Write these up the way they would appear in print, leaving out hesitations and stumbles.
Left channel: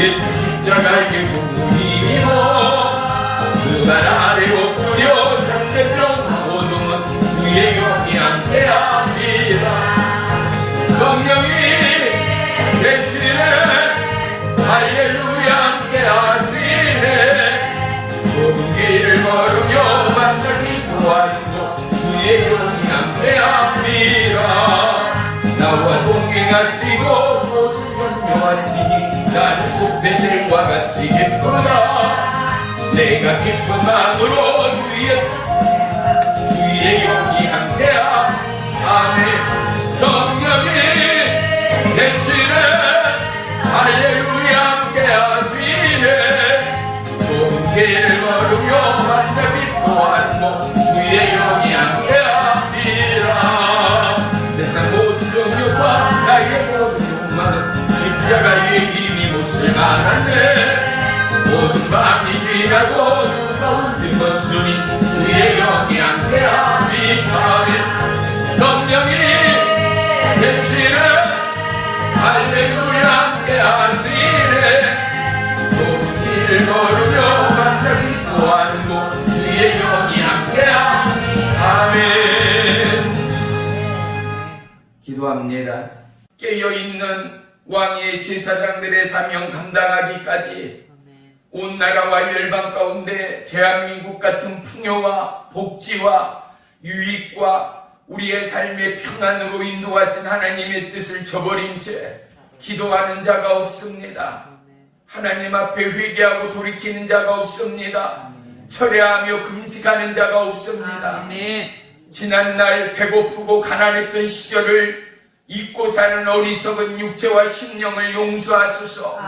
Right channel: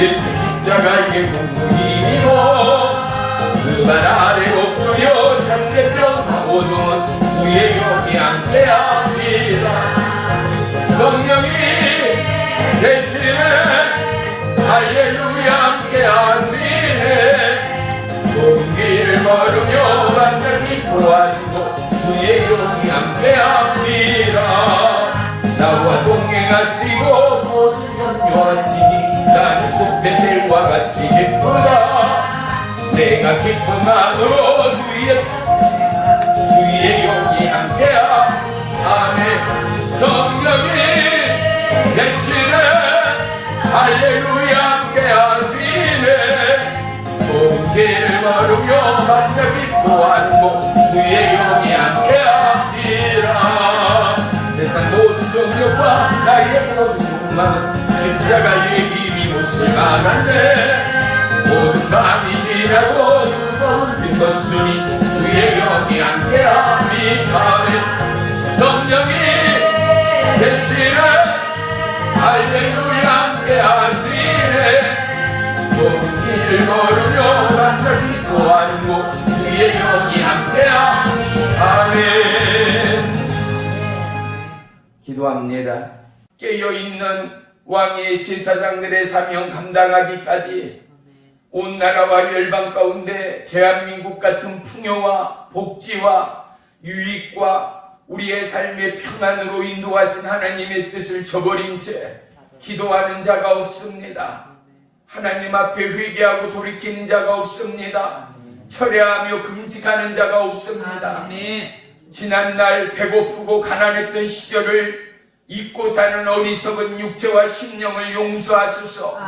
예수 십자가의 공로이고 그만 아래 엎드려 장례병하고는 주의 영이 함께합니다. 성령이 대신에 할렐루야 함께하시네. 좋은 길을 걸으며 만나기 보아도 주의 영이 함께합니다. 나와 동행하시고 저를 격려하시니 나는 숲배슬과 같이 기쁘다. 내가 기쁜 마음으로 주의 영이 함께하네. 성령이 대신에 할렐루야 함께하시네. 좋은 길을 걸으며 만나 기뻐하고 주의 영이 함께합니다. 세상 모든 종교와 나의 모든 십자가의 힘이 못을 막았네. 모든 밤이 지나고 두가운 빛었으니 주의 영이 함께합니다. 성령이 대신에 할렐루야 함께하시네. 좋은 길을 걸으며 만나기 또하고 주의 영이 함께합니다. 아멘. 기도합니다. 깨어있는 왕의 제사장들의 사명 감당하기까지 온 나라와 열방 가운데 대한민국 같은 풍요와 복지와 유익과 우리의 삶의 평안으로 인도하신 하나님의 뜻을 저버린 채 기도하는 자가 없습니다. 하나님 앞에 회개하고 돌이키는 자가 없습니다. 철회하며 금식하는 자가 없습니다. 지난날 배고프고 가난했던 시절을 잊고 사는 어리석은 육체와 심령을 용서하소서.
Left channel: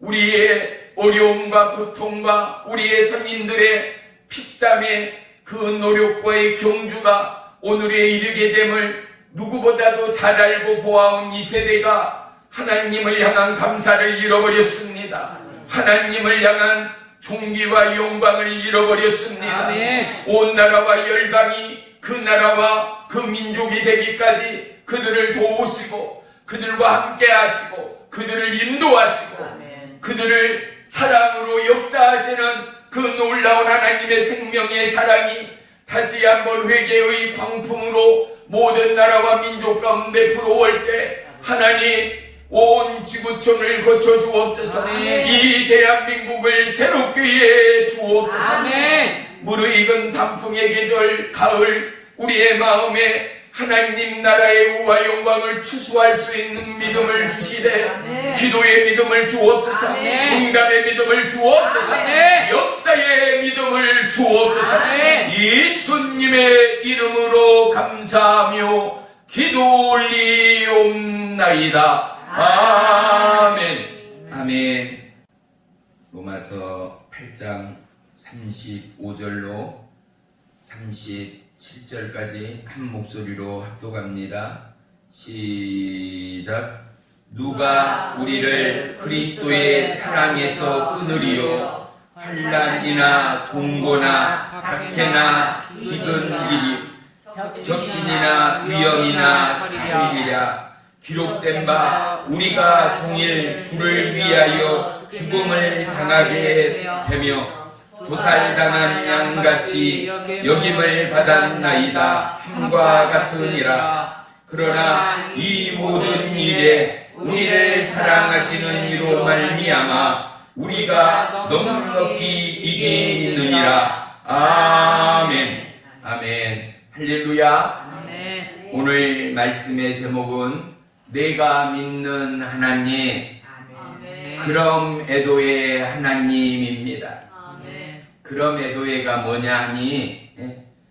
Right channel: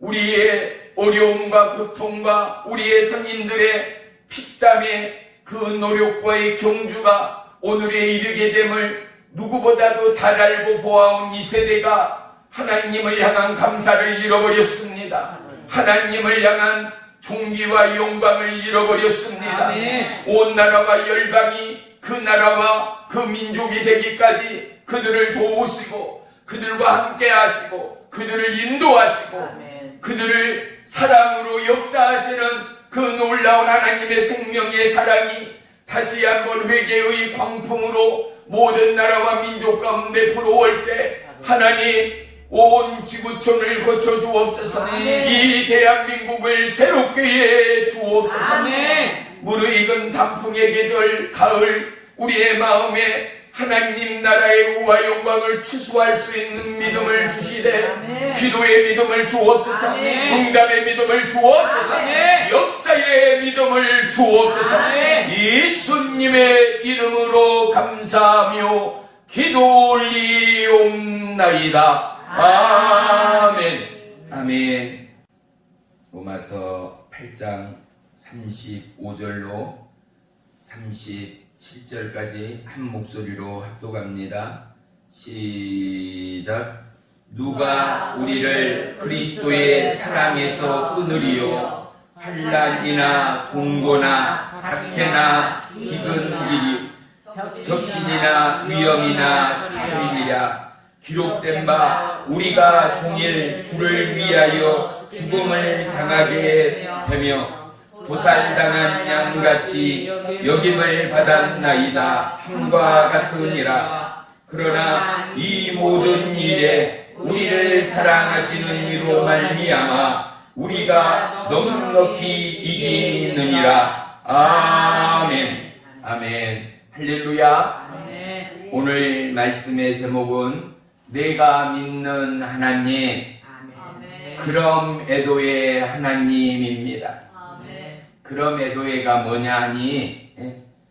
우리의 어려움과 고통과 우리의 성인들의 피땀의 그 노력과의 경주가 오늘에 이르게 됨을 누구보다도 잘 알고 보아온 이 세대가 하나님을 향한 감사를 잃어버렸습니다. 하나님을 향한 존귀와 영광을 잃어버렸습니다. 온 나라와 열방이 그 나라와 그 민족이 되기까지 그들을 도우시고 그들과 함께 하시고 그들을 인도하시고 그들을 사랑으로 역사하시는 그 놀라운 하나님의 생명의 사랑이 다시 한번 회개의 광풍으로 모든 나라와 민족 가운데 불어올 때 하나님 온 지구촌을 거쳐 주옵소서. 이 대한민국을 새롭게 해 주옵소서. 무르익은 단풍의 계절 가을 우리의 마음에 하나님 나라의 우와 영광을 추수할 수 있는 믿음을 주시되 기도의 믿음을 주옵소서. 응답의 믿음을 주옵소서. 역사의 믿음을 주옵소서. 예수님의 이름으로 감사하며 기도 올리옵나이다. 아멘. 아멘. 로마서 8장 35절로 37절까지 한 목소리로 합독합니다. 시작. 누가 우리를 그리스도의 사랑에서 끊으리요? 환난이나 동고나 학대나 기근 일이 적신이나 위험이나 다름이라. 기록된 바 우리가 종일 주를 위하여 죽음을 당하게 되며 도살당한 양같이 여김을 받았나이다 함과 같으니라. 그러나 이 모든 일에 우리를 사랑하시는 이로 말미암아 우리가 넉넉히 이기느니라. 아멘. 아멘. 할렐루야. 아멘. 오늘 말씀의 제목은 내가 믿는 하나님, 아멘. 그럼 애도의 하나님입니다. 아멘. 그럼 애도의가 뭐냐 하니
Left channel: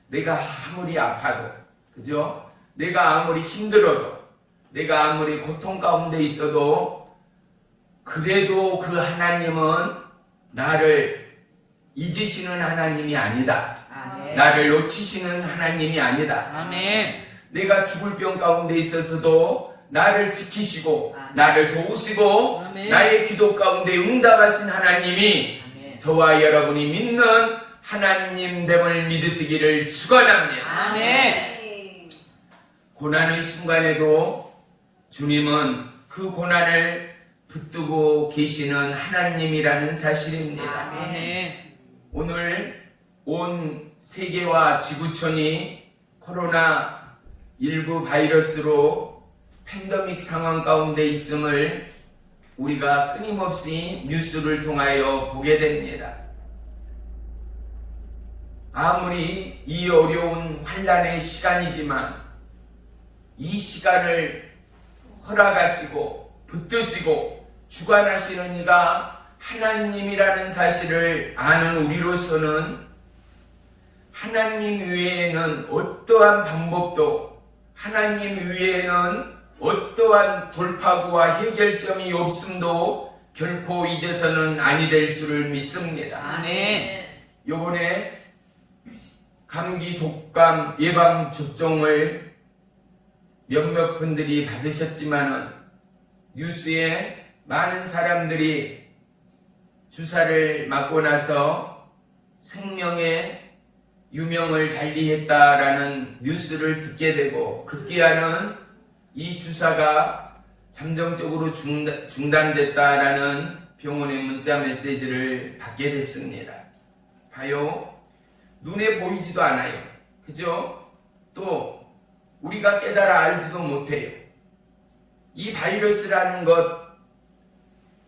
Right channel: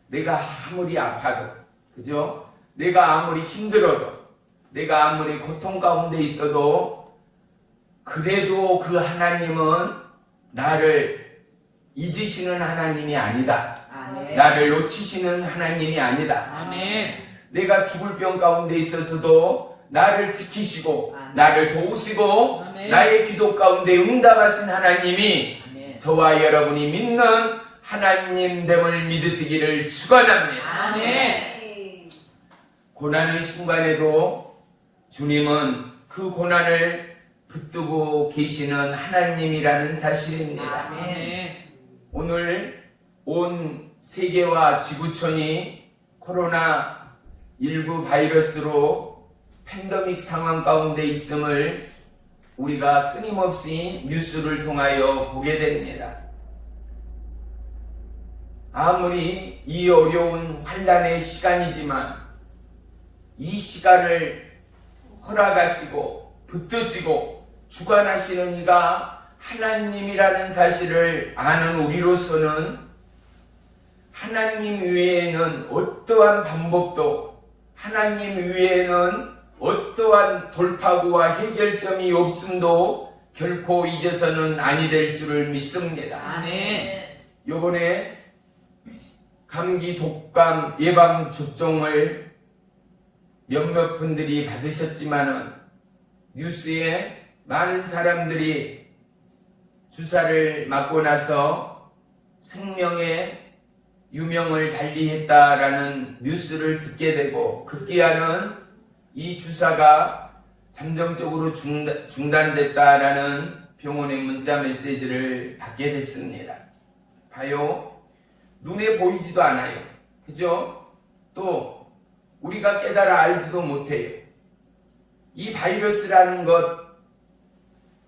내가 아무리 아파도, 그죠? 내가 아무리 힘들어도, 내가 아무리 고통 가운데 있어도 그래도 그 하나님은 나를 잊으시는 하나님이 아니다. 아멘. 나를 놓치시는 하나님이 아니다. 아멘. 내가 죽을 병 가운데 있어서도 나를 지키시고 나를 도우시고 아멘. 나의 기도 가운데 응답하신 하나님이 아멘. 저와 여러분이 믿는 하나님됨을 믿으시기를 축원합니다. 아멘. 고난의 순간에도 주님은 그 고난을 붙들고 계시는 하나님이라는 사실입니다. 아멘. 오늘 온 세계와 지구촌이 코로나19 바이러스로 팬데믹 상황 가운데 있음을 우리가 끊임없이 뉴스를 통하여 보게 됩니다. 아무리 이 어려운 환난의 시간이지만 이 시간을 허락하시고 붙드시고 주관하시는 이가 하나님이라는 사실을 아는 우리로서는 하나님 외에는 어떠한 방법도, 하나님 외에는 어떠한 돌파구와 해결점이 없음도 결코 잊어서는 아니 될 줄을 믿습니다. 아멘. 요번에 감기 독감 예방 접종을 몇몇 분들이 받으셨지만은 뉴스에 많은 사람들이 주사를 맞고 나서 생명의 유명을 달리했다라는 뉴스를 듣게 되고 급기야는 이 주사가 잠정적으로 중단됐다라는 병원의 문자 메시지를 받게 됐습니다. 봐요. 눈에 보이지도 않아요. 그죠? 또 우리가 깨달아 알지도 못해요. 이 바이러스라는 것,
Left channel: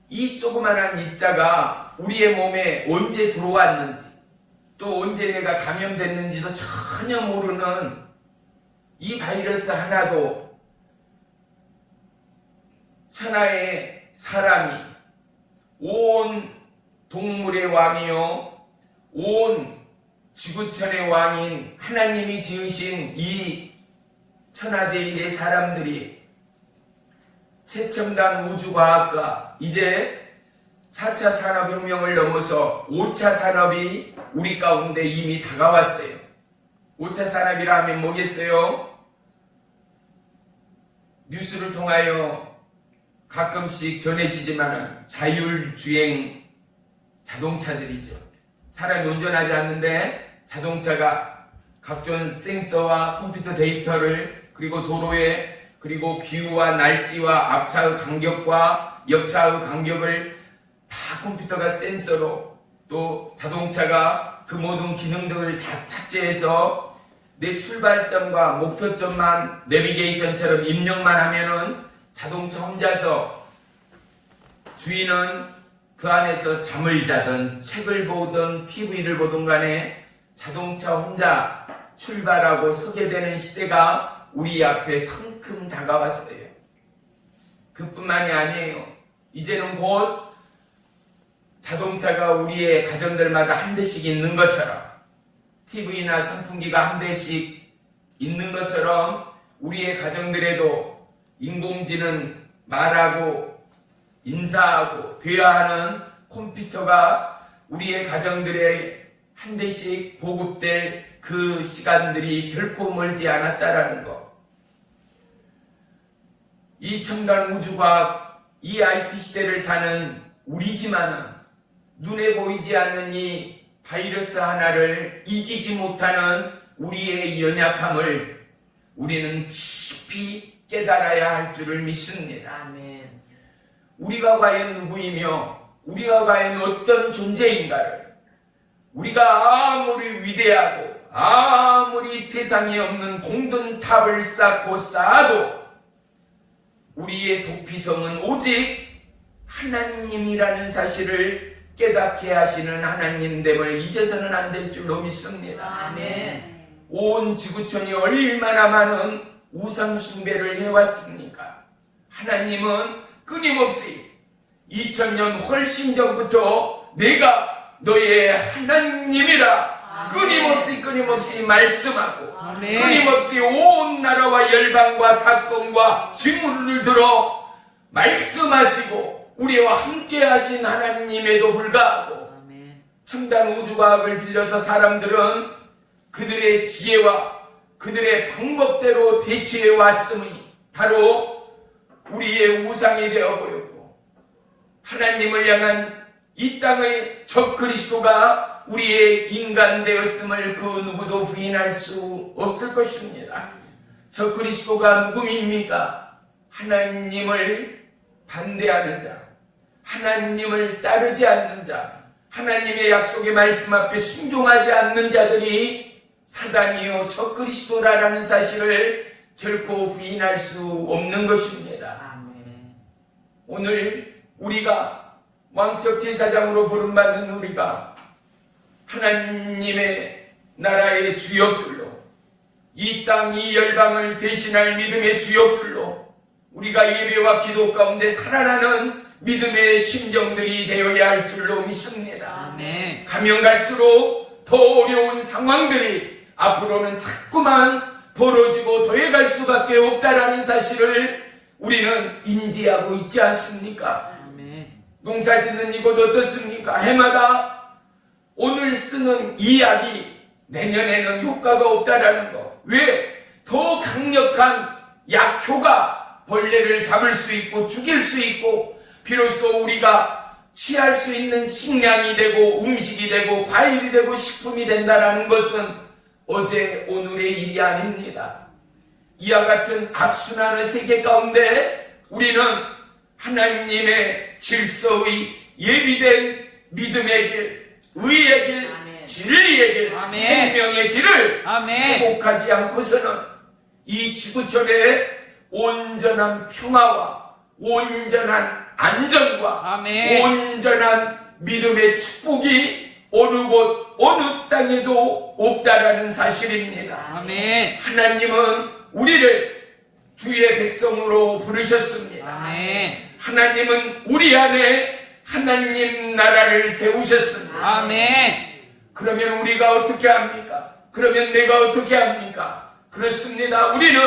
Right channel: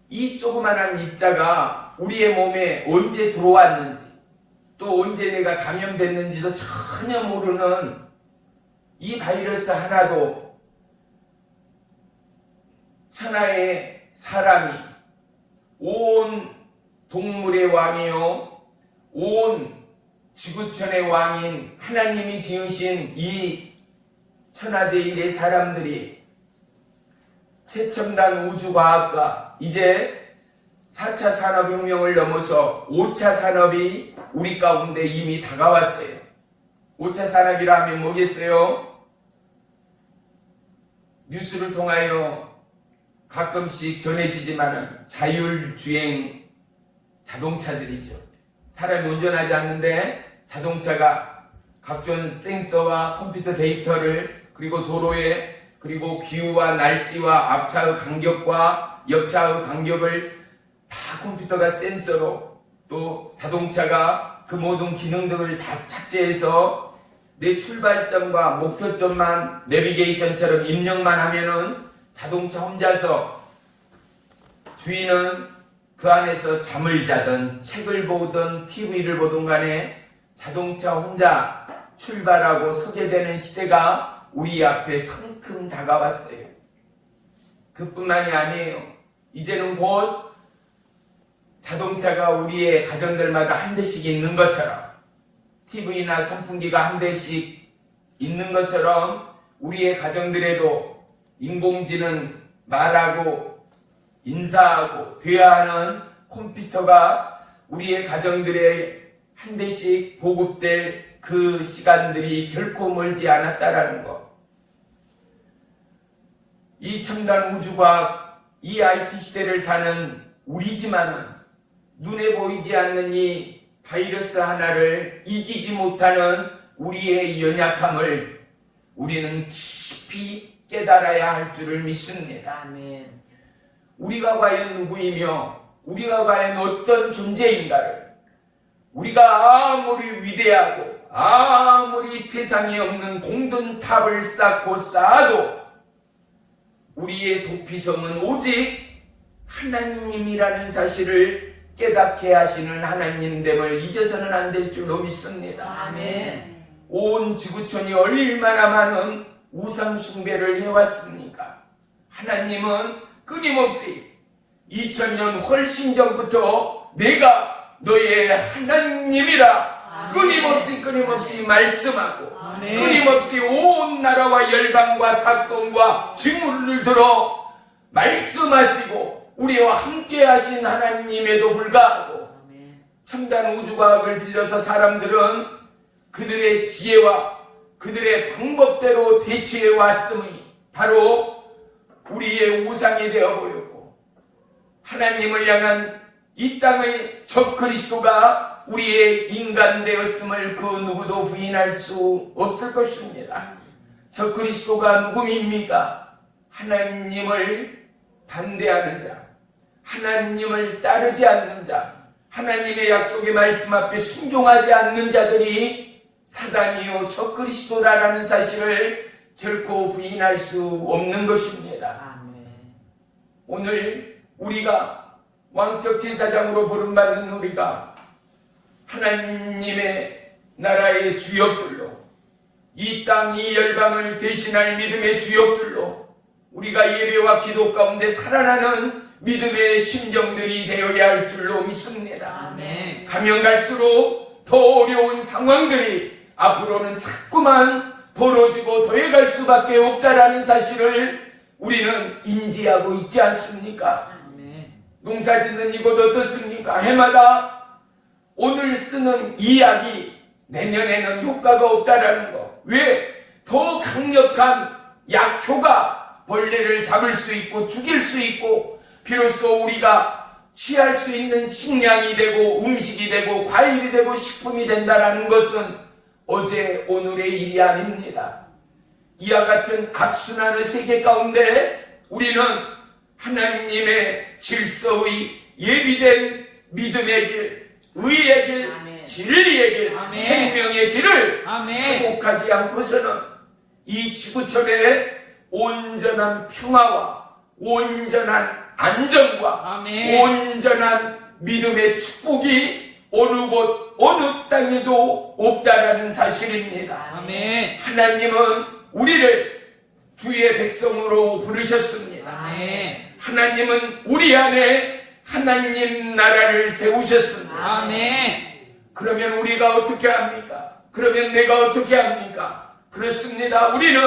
이 조그만한 입자가 우리의 몸에 언제 들어왔는지 또 언제 내가 감염됐는지도 전혀 모르는 이 바이러스 하나도 천하의 사람이 온 동물의 왕이요 온 지구촌의 왕인 하나님이 지으신 이 천하제일의 사람들이 최첨단 우주과학과 이제 4차 산업혁명을 넘어서 5차 산업이 우리 가운데 이미 다가왔어요. 5차 산업이라 하면 뭐겠어요? 뉴스를 통하여 가끔씩 전해지지만 자율주행 자동차들이죠. 사람이 운전하지 않는데 자동차가 각종 센서와 컴퓨터 데이터를 그리고 도로에 그리고 기후와 날씨와 앞차의 간격과 옆차의 간격을 다 컴퓨터가 센서로 또 자동차가 그 모든 기능들을 다 탑재해서 내 출발점과 목표점만 내비게이션처럼 입력만 하면은 자동차 혼자서 주인은 그 안에서 잠을 자든 책을 보든 TV를 보든 간에 자동차 혼자 출발하고 서게 되는 시대가 우리 앞에 성큼 다가왔어요. 그뿐만이 아니에요. 이제는 곧 자동차가 우리의 가정들마다 한 대씩 있는 것처럼 TV나 선풍기가 한 대씩 있는 것처럼 우리의 가정들에도 인공지능 말하고 인사하고 대화하는 컴퓨터가 우리의 가정들에 한 대씩 보급될 그 시간들이 결코 멀지 않았다라는 것. 이 첨단 우주과학, 이 IT 시대를 사는 우리지만은 눈에 보이지 않는 이 바이러스 하나를 이기지 못하는 우리의 연약함을 우리는 깊이 깨달아야 할 줄을 믿습니다. 아멘. 우리가 과연 누구이며 우리가 과연 어떤 존재인가를 우리가 아무리 위대하고 아무리 세상에 없는 공든탑을 쌓고 쌓아도 우리의 도피성은 오직 하나님이라는 사실을 깨닫게 하시는 하나님됨을 잊어서는 안 될 줄로 믿습니다. 아멘. 온 지구촌이 얼마나 많은 우상 숭배를 해왔습니까? 하나님은 끊임없이 2000년 훨씬 전부터 내가 너의 하나님이라 끊임없이 말씀하고 아멘. 끊임없이 온 나라와 열방과 사건과 징후를 들어 말씀하시고 우리와 함께 하신 하나님에도 불구하고 아멘. 첨단 우주과학을 빌려서 사람들은 그들의 지혜와 그들의 방법대로 대치해 왔으니 바로 우리의 우상이 되어버렸고 하나님을 향한 이 땅의 적그리스도가 우리의 인간 되었음을 그 누구도 부인할 수 없을 것입니다. 적그리스도가 누구입니까? 하나님을 반대하는 자, 하나님을 따르지 않는 자, 하나님의 약속의 말씀 앞에 순종하지 않는 자들이 사단이요 저 그리스도라는 사실을 결코 부인할 수 없는 것입니다. 아멘. 오늘 우리가 왕적 제사장으로 부름받는 우리가 하나님의 나라의 주역들로, 이 땅 이 열방을 대신할 믿음의 주역들로 우리가 예배와 기도 가운데 살아나는 믿음의 심정들이 되어야 할 줄로 믿습니다. 아멘. 가면 갈수록 더 어려운 상황들이 앞으로는 자꾸만 벌어지고 더해갈 수밖에 없다라는 사실을 우리는 인지하고 있지 않습니까? 아멘. 농사 짓는 이곳 어떻습니까? 해마다 오늘 쓰는 이 약이 내년에는 효과가 없다라는 거. 왜? 더 강력한 약효가 벌레를 잡을 수 있고 죽일 수 있고 비로소 우리가 취할 수 있는 식량이 되고 음식이 되고 과일이 되고 식품이 된다라는 것은 어제 오늘의 일이 아닙니다. 이와 같은 악순환의 세계 가운데 우리는 하나님의 질서의 예비된 믿음의 길, 의의 길, 아멘. 진리의 길, 아멘. 생명의 길을 아멘. 회복하지 않고서는 이 지구촌의 온전한 평화와 온전한 안정과 아멘. 온전한 믿음의 축복이 어느 곳 어느 땅에도 없다라는 사실입니다. 아멘. 하나님은 우리를 주의 백성으로 부르셨습니다. 아멘. 하나님은 우리 안에 하나님 나라를 세우셨습니다. 아멘. 그러면 우리가 어떻게 합니까? 그러면 내가 어떻게 합니까? 그렇습니다. 우리는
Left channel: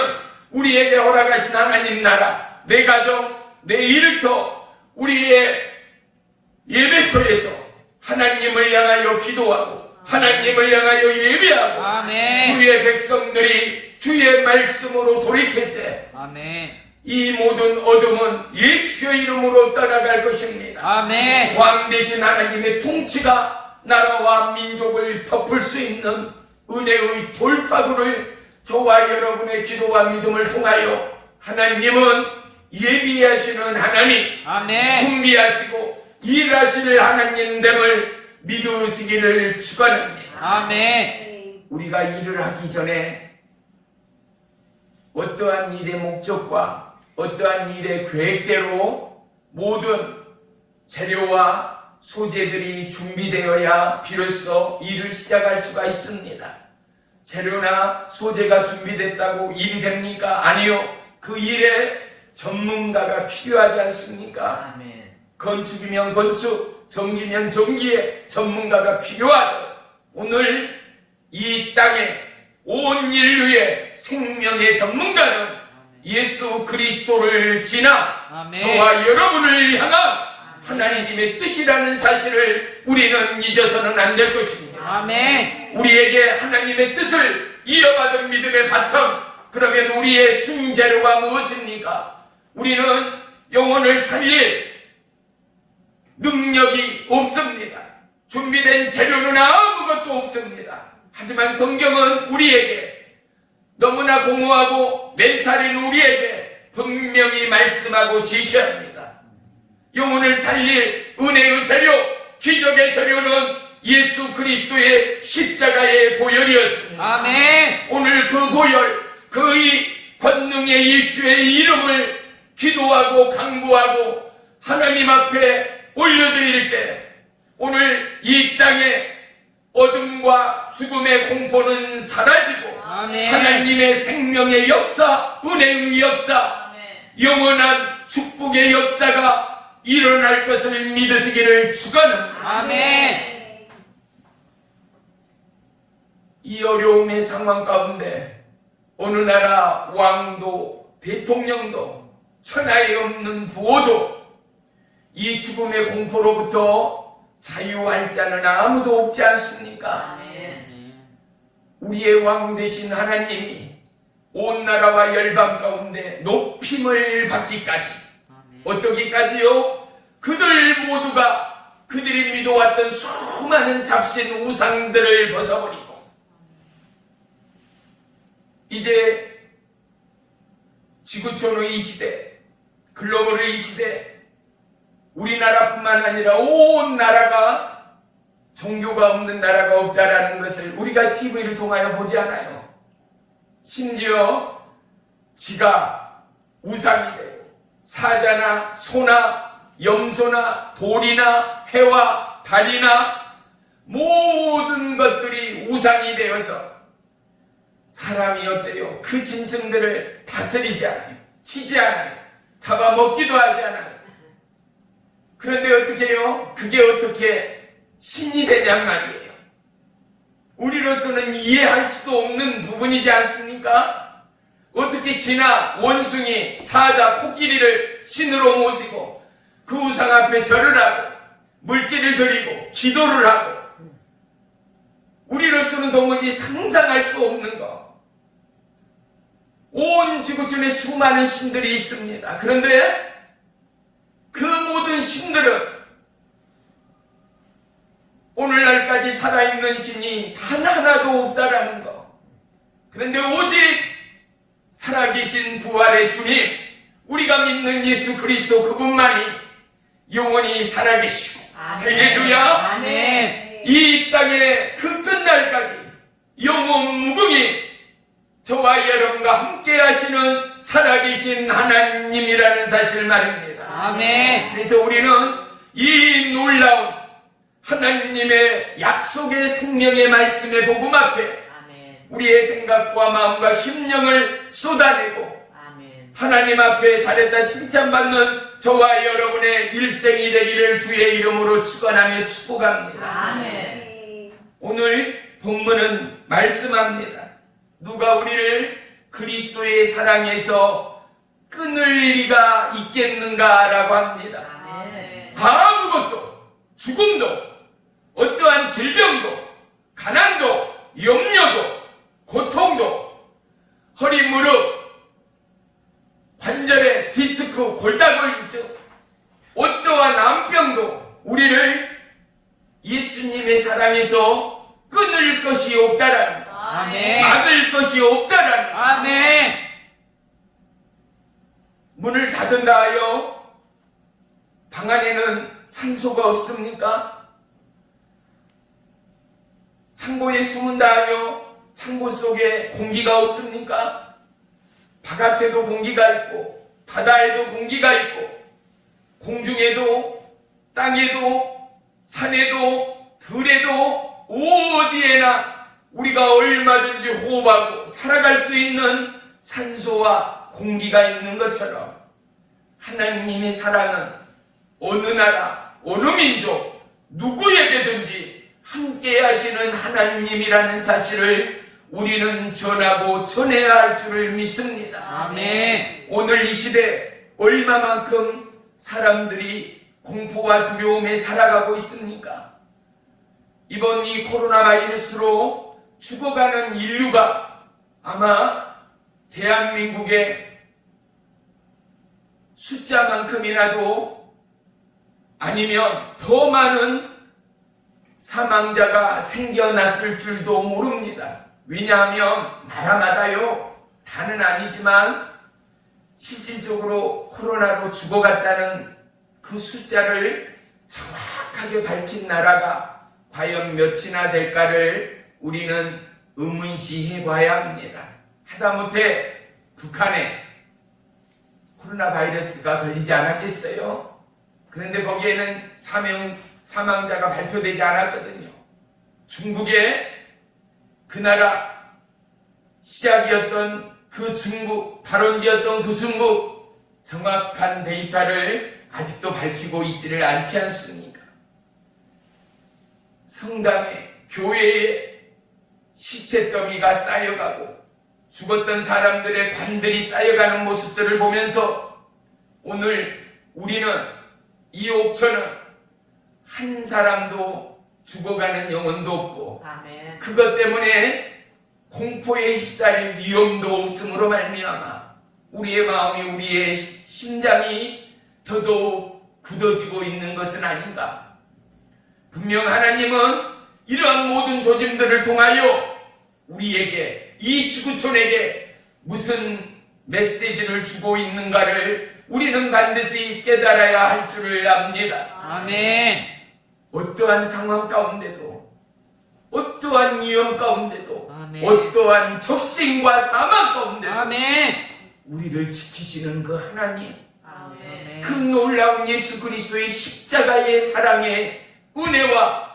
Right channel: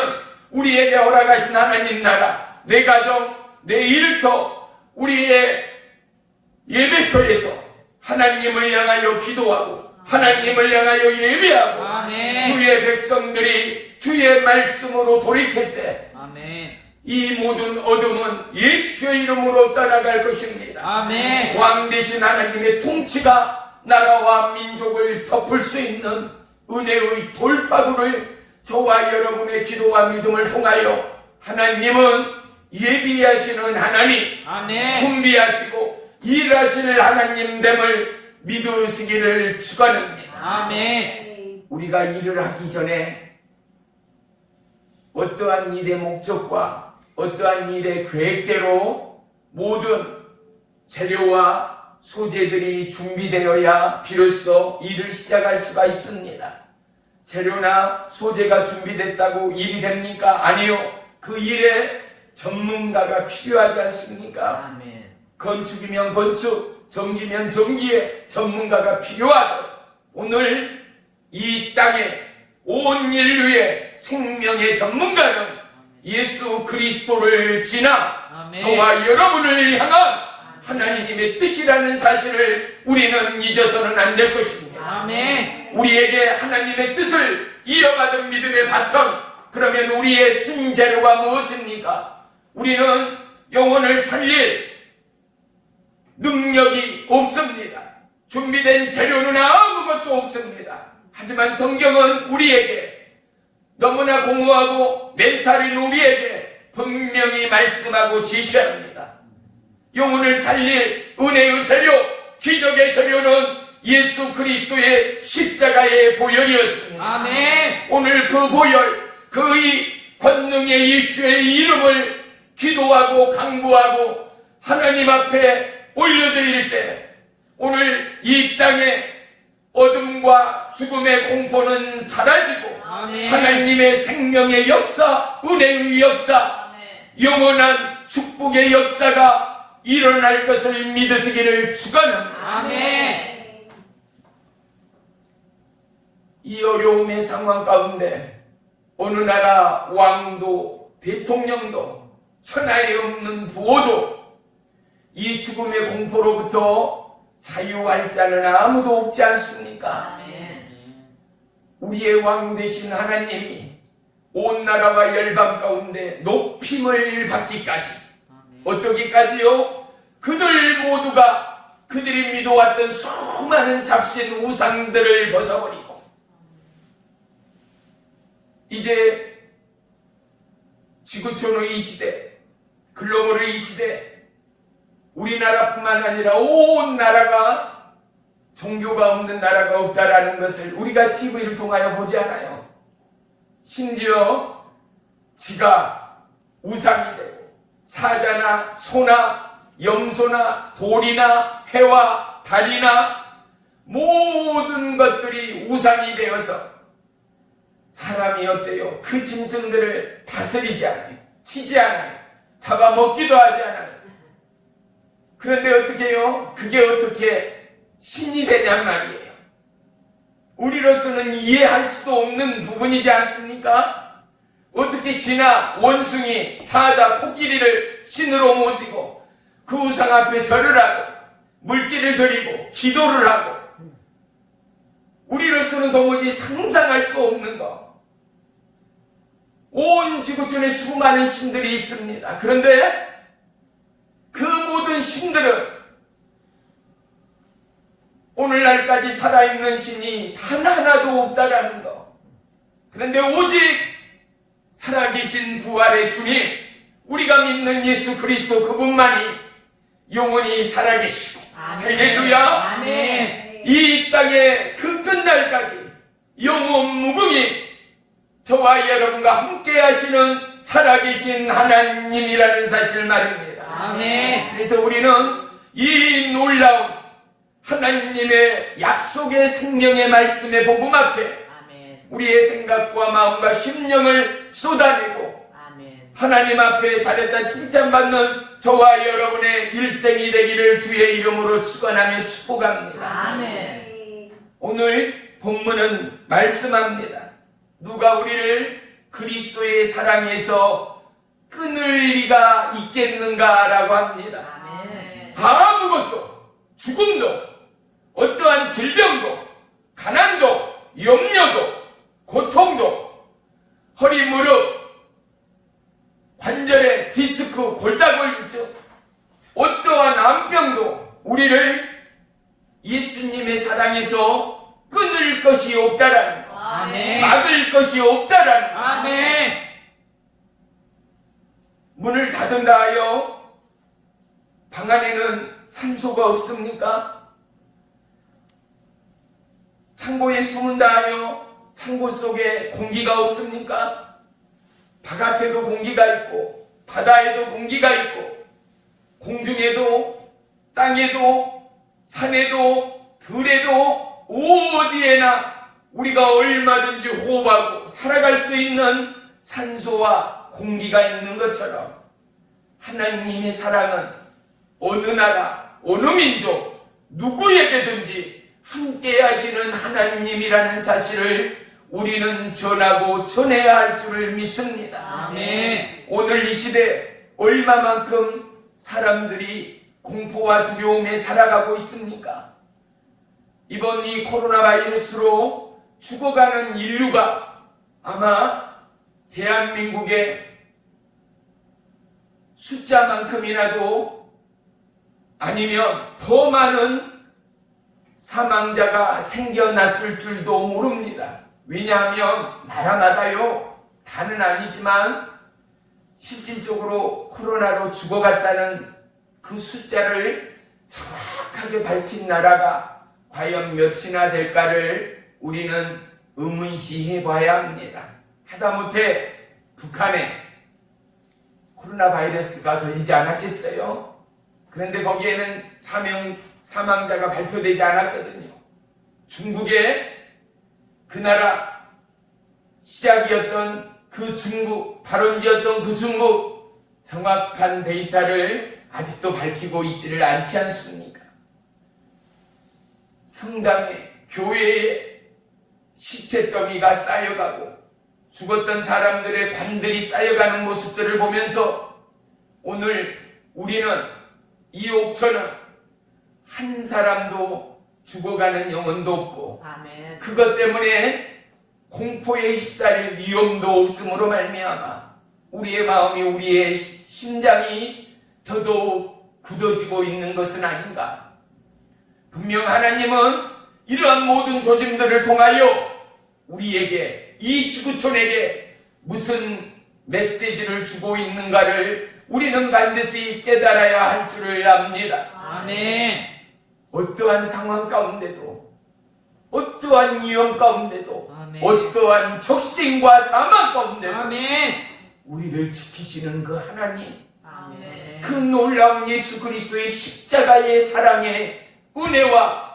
우리에게 허락하신 하나님 나라, 내 가정, 내 일터, 우리의 예배처에서 하나님을 향하여 기도하고 하나님을 향하여 예배하고 아멘. 주의 백성들이 주의 말씀으로 돌이킬 때 아멘. 이 모든 어둠은 예수의 이름으로 떠나갈 것입니다. 아멘. 왕 대신 하나님의 통치가 나라와 민족을 덮을 수 있는 은혜의 돌파구를 저와 여러분의 기도와 믿음을 통하여 하나님은 예비하시는 하나님, 아멘. 준비하시고 일하시는 하나님됨을 믿으시기를 축원합니다. 아멘. 우리가 일을 하기 전에 어떠한 일의 목적과 어떠한 일의 계획대로 모든 재료와 소재들이 준비되어야 비로소 일을 시작할 수가 있습니다. 재료나 소재가 준비됐다고 일이 됩니까? 아니요. 그 일에 전문가가 필요하지 않습니까? 아멘. 건축이면 건축, 전기면 전기에 전문가가 필요하죠. 오늘 이 땅에 온 인류의 생명의 전문가는 예수 그리스도를 지나 아멘. 저와 여러분을 향한 하나님의 뜻이라는 사실을 우리는 잊어서는 안 될 것입니다. 아멘. 우리에게 하나님의 뜻을 이어받은 믿음의 바탕, 그러면 우리의 순재료가 무엇입니까? 우리는 영혼을 살릴 능력이 없습니다. 준비된 재료는 아무것도 없습니다. 하지만 성경은 우리에게 너무나 공허하고 멘탈인 우리에게 분명히 말씀하고 지시합니다. 영혼을 살릴 은혜의 재료, 기적의 재료는 예수 그리스도의 십자가의 보혈이었습니다. 아멘. 오늘 그 보혈, 그 권능의 예수의 이름을 기도하고 강구하고 하나님 앞에 올려드릴 때 오늘 이 땅에 어둠과 죽음의 공포는 사라지고 아멘. 하나님의 생명의 역사, 은혜의 역사, 아멘. 영원한 축복의 역사가 일어날 것을 믿으시기를 축원합니다. 아멘. 이 어려움의 상황 가운데 어느 나라 왕도 대통령도 천하에 없는 부호도 이 죽음의 공포로부터 자유할 자는 아무도 없지 않습니까? 아멘. 우리의 왕 되신 하나님이 온 나라와 열방 가운데 높임을 받기까지 어떠기까지요? 그들 모두가 그들이 믿어왔던 수많은 잡신 우상들을 벗어버리고 이제 지구촌의 이 시대, 글로벌의 이 시대, 우리나라뿐만 아니라 온 나라가 종교가 없는 나라가 없다라는 것을 우리가 TV를 통하여 보지 않아요. 심지어 지가 우상이 되고 사자나 소나 염소나 돌이나 해와 달이나 모든 것들이 우상이 되어서 사람이 어때요? 그 짐승들을 다스리지 않아요. 치지 않아요. 잡아먹기도 하지 않아요. 그런데 어떻게 해요? 그게 어떻게 신이 되냔 말이에요. 우리로서는 이해할 수도 없는 부분이지 않습니까? 어떻게 지나 원숭이, 사자, 코끼리를 신으로 모시고 그 우상 앞에 절을 하고 물질을 드리고 기도를 하고 우리로서는 도무지 상상할 수 없는 것. 온 지구촌에 수많은 신들이 있습니다. 그런데 그 모든 신들은 오늘날까지 살아있는 신이 단 하나도 없다라는 것. 그런데 오직 살아계신 부활의 주님, 우리가 믿는 예수 그리스도 그분만이 영원히 살아계시고 할렐루야. 아멘. 이 땅의 그 끝날까지 영원 무궁히 저와 여러분과 함께 하시는 살아계신 하나님이라는 사실 말입니다. 아멘. 그래서 우리는 이 놀라운 하나님의 약속의 생명의 말씀의 복음 앞에 아멘. 우리의 생각과 마음과 심령을 쏟아내고 아멘. 하나님 앞에 잘했다 칭찬받는 저와 여러분의 일생이 되기를 주의 이름으로 축원하며 축복합니다. 아멘. 오늘 본문은 말씀합니다. 누가 우리를 그리스도의 사랑에서 끊을 리가 있겠는가라고 합니다. 아멘. 아무것도, 죽음도, 어떠한 질병도, 가난도, 염려도, 고통도, 허리, 무릎, 관절에 디스크, 골다공증, 어떠한 암병도 우리를 예수님의 사랑에서 끊을 것이 없다라는 것. 아멘. 막을 것이 없다라는 것. 아멘. 문을 닫은다 하여 방 안에는 산소가 없습니까? 창고에 숨은다 하여 창고 속에 공기가 없습니까? 바깥에도 공기가 있고 바다에도 공기가 있고 공중에도 땅에도 산에도 들에도 어디에나 우리가 얼마든지 호흡하고 살아갈 수 있는 산소와 공기가 있는 것처럼 하나님의 사랑은 어느 나라, 어느 민족, 누구에게든지 함께 하시는 하나님이라는 사실을 우리는 전하고 전해야 할 줄을 믿습니다. 아멘. 오늘 이 시대 얼마만큼 사람들이 공포와 두려움에 살아가고 있습니까? 이번 이 코로나 바이러스로 죽어가는 인류가 아마 대한민국의 숫자만큼이라도 아니면 더 많은 사망자가 생겨났을 줄도 모릅니다. 왜냐하면 나라마다요, 다는 아니지만 실질적으로 코로나로 죽어갔다는 그 숫자를 정확하게 밝힌 나라가 과연 몇이나 될까를 우리는 의문시해 봐야 합니다. 하다못해 북한에 코로나 바이러스가 걸리지 않았겠어요? 그런데 거기에는 사망자가 발표되지 않았거든요. 중국의 그 나라 시작이었던 그 중국, 발원지였던 그 중국 정확한 데이터를 아직도 밝히고 있지를 않지 않습니까? 성당에, 교회에 시체 더미가 쌓여가고 죽었던 사람들의 관들이 쌓여가는 모습들을 보면서 오늘 우리는 이 옥천은 한 사람도 죽어가는 영혼도 없고 아멘. 그것 때문에 공포에 휩싸릴 위험도 없음으로 말미암아 우리의 마음이, 우리의 심장이 더더욱 굳어지고 있는 것은 아닌가. 분명 하나님은 이러한 모든 조짐들을 통하여 우리에게, 이 지구촌에게 무슨 메시지를 주고 있는가를 우리는 반드시 깨달아야 할 줄을 압니다. 아멘. 어떠한 상황 가운데도, 어떠한 위험 가운데도, 아멘. 어떠한 적생과 사망 가운데도 아멘. 우리를 지키시는 그 하나님, 아멘. 그 놀라운 예수 그리스도의 십자가의 사랑의 은혜와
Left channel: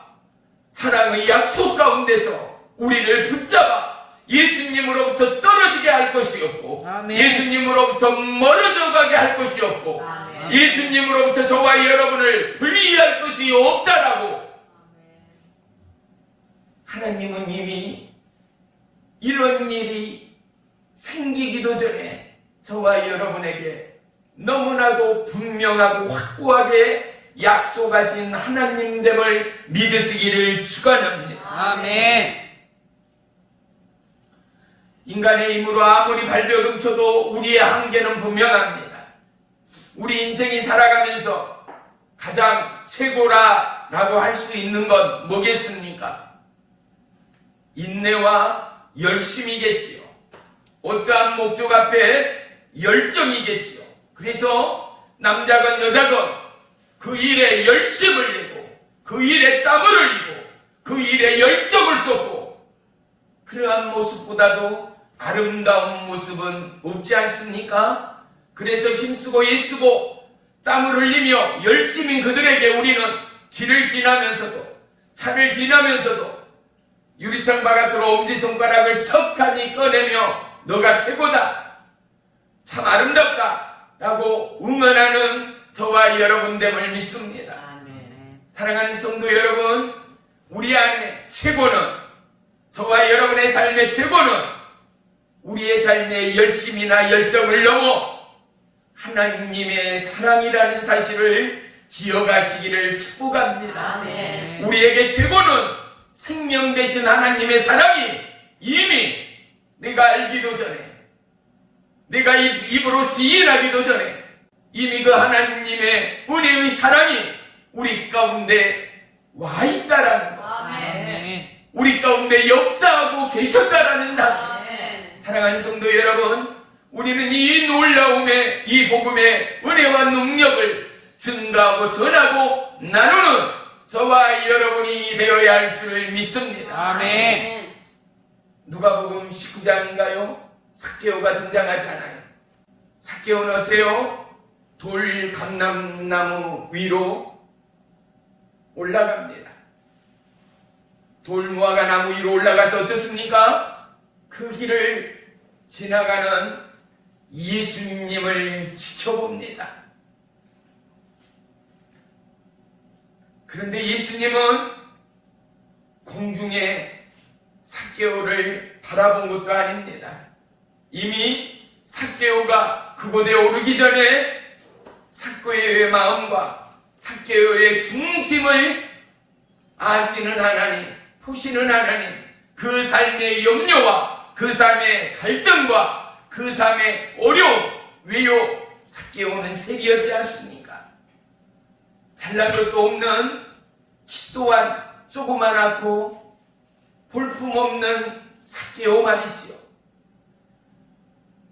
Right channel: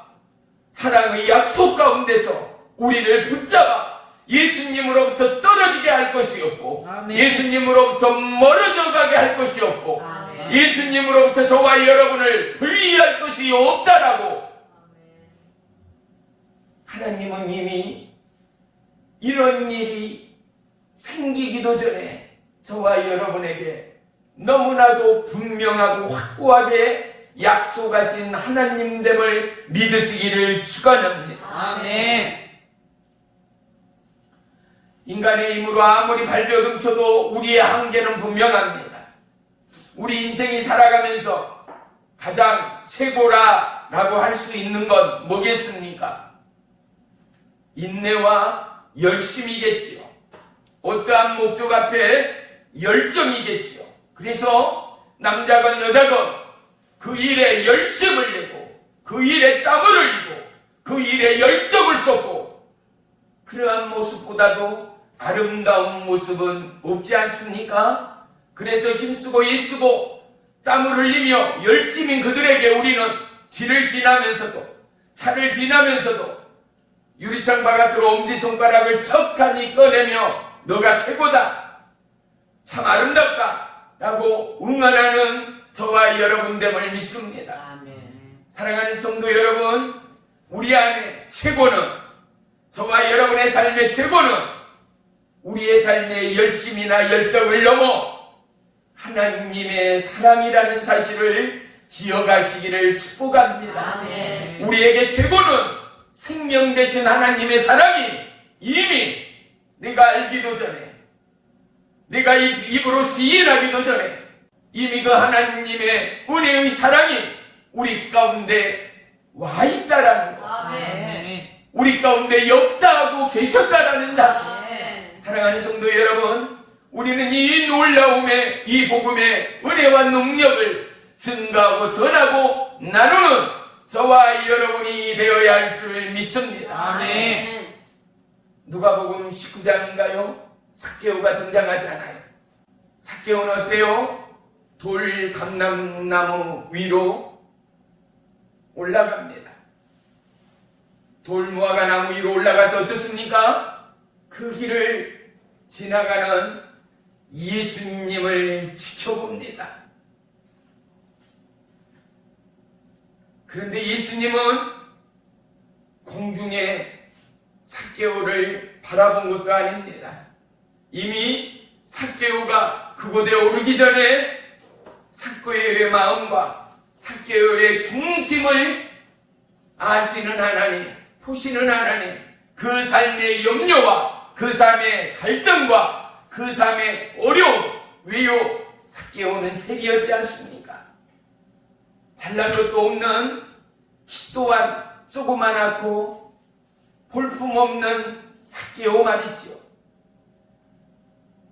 사랑의 약속 가운데서 우리를 붙잡아 예수님으로부터 떨어지게 할 것이 없고, 아멘. 예수님으로부터 멀어져 가게 할 것이 없고, 아멘. 예수님으로부터 저와 여러분을 분리할 것이 없다라고 하나님은 이미 이런 일이 생기기도 전에 저와 여러분에게 너무나도 분명하고 확고하게 약속하신 하나님됨을 믿으시기를 축원합니다. 아멘. 인간의 힘으로 아무리 발버둥쳐도 우리의 한계는 분명합니다. 우리 인생이 살아가면서 가장 최고라고 할 수 있는 건 뭐겠습니까? 인내와 열심이겠지요. 어떠한 목적 앞에 열정이겠지요. 그래서 남자건 여자건 그 일에 열심을 내고 그 일에 땀을 흘리고 그 일에 열정을 쏟고, 그러한 모습보다도 아름다운 모습은 없지 않습니까? 그래서 힘쓰고 애쓰고 땀을 흘리며 열심인 그들에게 우리는 길을 지나면서도 산을 지나면서도 유리창 바깥으로 엄지손가락을 척하니 꺼내며 너가 최고다, 참 아름답다 라고 응원하는 저와 여러분됨을 믿습니다. 아멘. 사랑하는 성도 여러분, 우리 안에 최고는, 저와 여러분의 삶의 최고는 우리의 삶의 열심이나 열정을 넘어 하나님의 사랑이라는 사실을 기억하시기를 축복합니다. 아멘. 우리에게 최고는 생명 되신 하나님의 사랑이 이미 내가 알기도 전에, 내가 입으로 시인하기도 전에 이미 그 하나님의 은혜의 사랑이 우리 가운데 와 있다라는 것, 아멘. 우리 가운데 역사하고 계셨다라는 사실. 아멘. 사랑하는 성도 여러분, 우리는 이 놀라움의, 이 복음의 은혜와 능력을 증가하고 전하고 나누는 저와 여러분이 되어야 할 줄을 믿습니다. 아멘. 누가복음 19장인가요? 삭개오가 등장하잖아요. 삭개오는 어때요? 돌 감람나무 위로 올라갑니다. 돌 무화과 나무 위로 올라가서 어떻습니까? 그 길을 지나가는 예수님을 지켜봅니다. 그런데 예수님은 공중에 삭개오를 바라본 것도 아닙니다. 이미 삭개오가 그곳에 오르기 전에 삭개오의 마음과 삭개오의 중심을 아시는 하나님, 보시는 하나님, 그 삶의 염려와 그 삶의 갈등과 그 삶의 어려움, 왜요? 삭개오는 셀이었지 않습니까? 잘난 것도 없는 키 또한 조그만하고 볼품없는 삭개오 말이지요.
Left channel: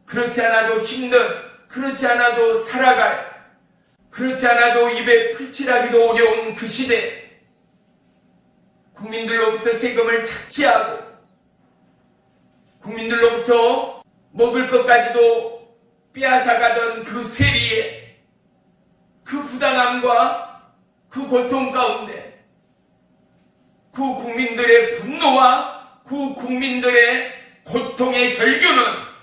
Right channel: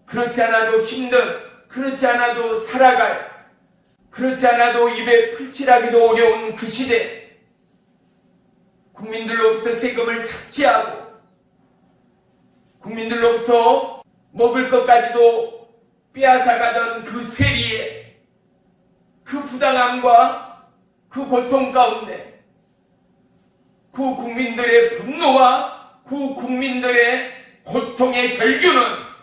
그렇지 않아도 힘든, 그렇지 않아도 살아갈, 그렇지 않아도 입에 풀칠하기도 어려운 그 시대, 국민들로부터 세금을 착취하고 국민들로부터 먹을 것까지도 빼앗아가던 그 세리의 그 부당함과 그 고통 가운데 그 국민들의 분노와 그 국민들의 고통의 절규는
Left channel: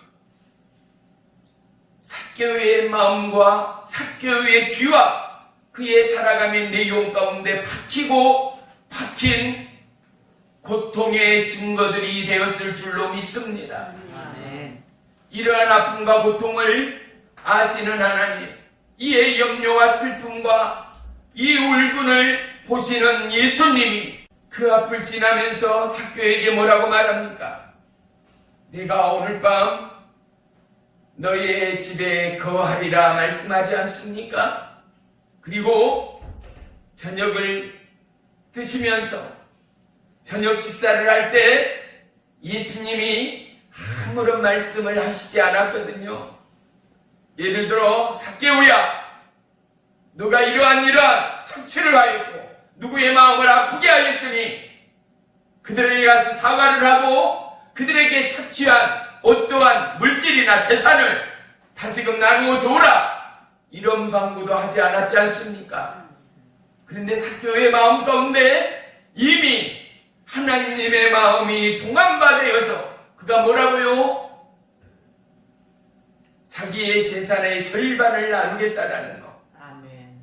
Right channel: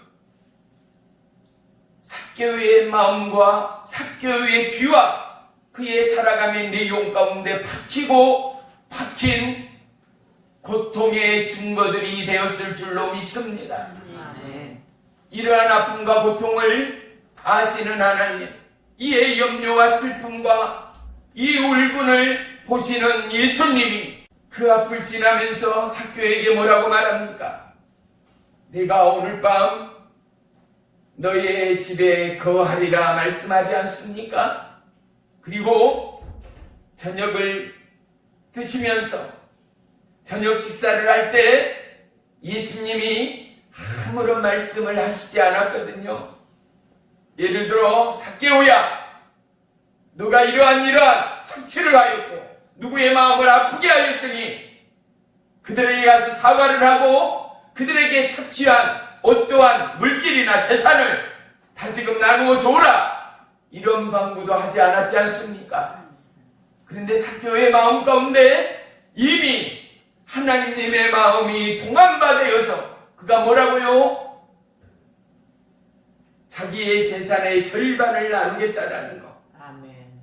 삭개오의 마음과 삭개오의 귀와 그의 살아감의 내용 가운데 박힌 고통의 증거들이 되었을 줄로 믿습니다. 아멘. 이러한 아픔과 고통을 아시는 하나님, 이의 염려와 슬픔과 이 울분을 보시는 예수님이 그 앞을 지나면서 삭개오에게 뭐라고 말합니까? 내가 오늘 밤 너의 집에 거하리라 말씀하지 않습니까? 그리고 저녁을 드시면서 저녁 식사를 할 때 예수님이 아무런 말씀을 하시지 않았거든요. 예를 들어 삭개오야, 너가 이러한 착취를 하였고 누구의 마음을 아프게 하였으니 그들에게 가서 사과를 하고 그들에게 착취한 어떠한 물질이나 재산을 다시금 나누어 줘라, 이런 방구도 하지 않았지 않습니까? 그런데 삭개오의 마음 가운데 이미 하나님의 마음이 동안바되어서 그가 뭐라고요? 자기의 재산의 절반을 나누겠다라는 거. 아멘.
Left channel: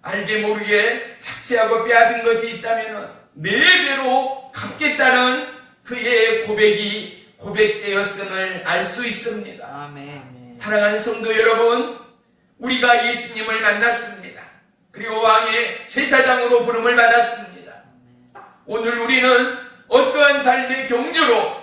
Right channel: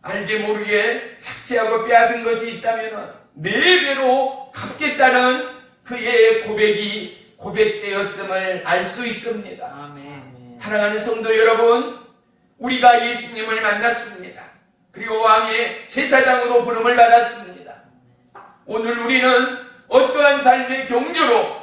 알게 모르게 착취하고 빼앗은 것이 있다면 4배로 갚겠다는 그의 고백이 고백되었음을 알 수 있습니다. 아멘. 사랑하는 성도 여러분, 우리가 예수님을 만났습니다. 그리고 왕의 제사장으로 부름을 받았습니다. 오늘 우리는 어떠한 삶의 경주로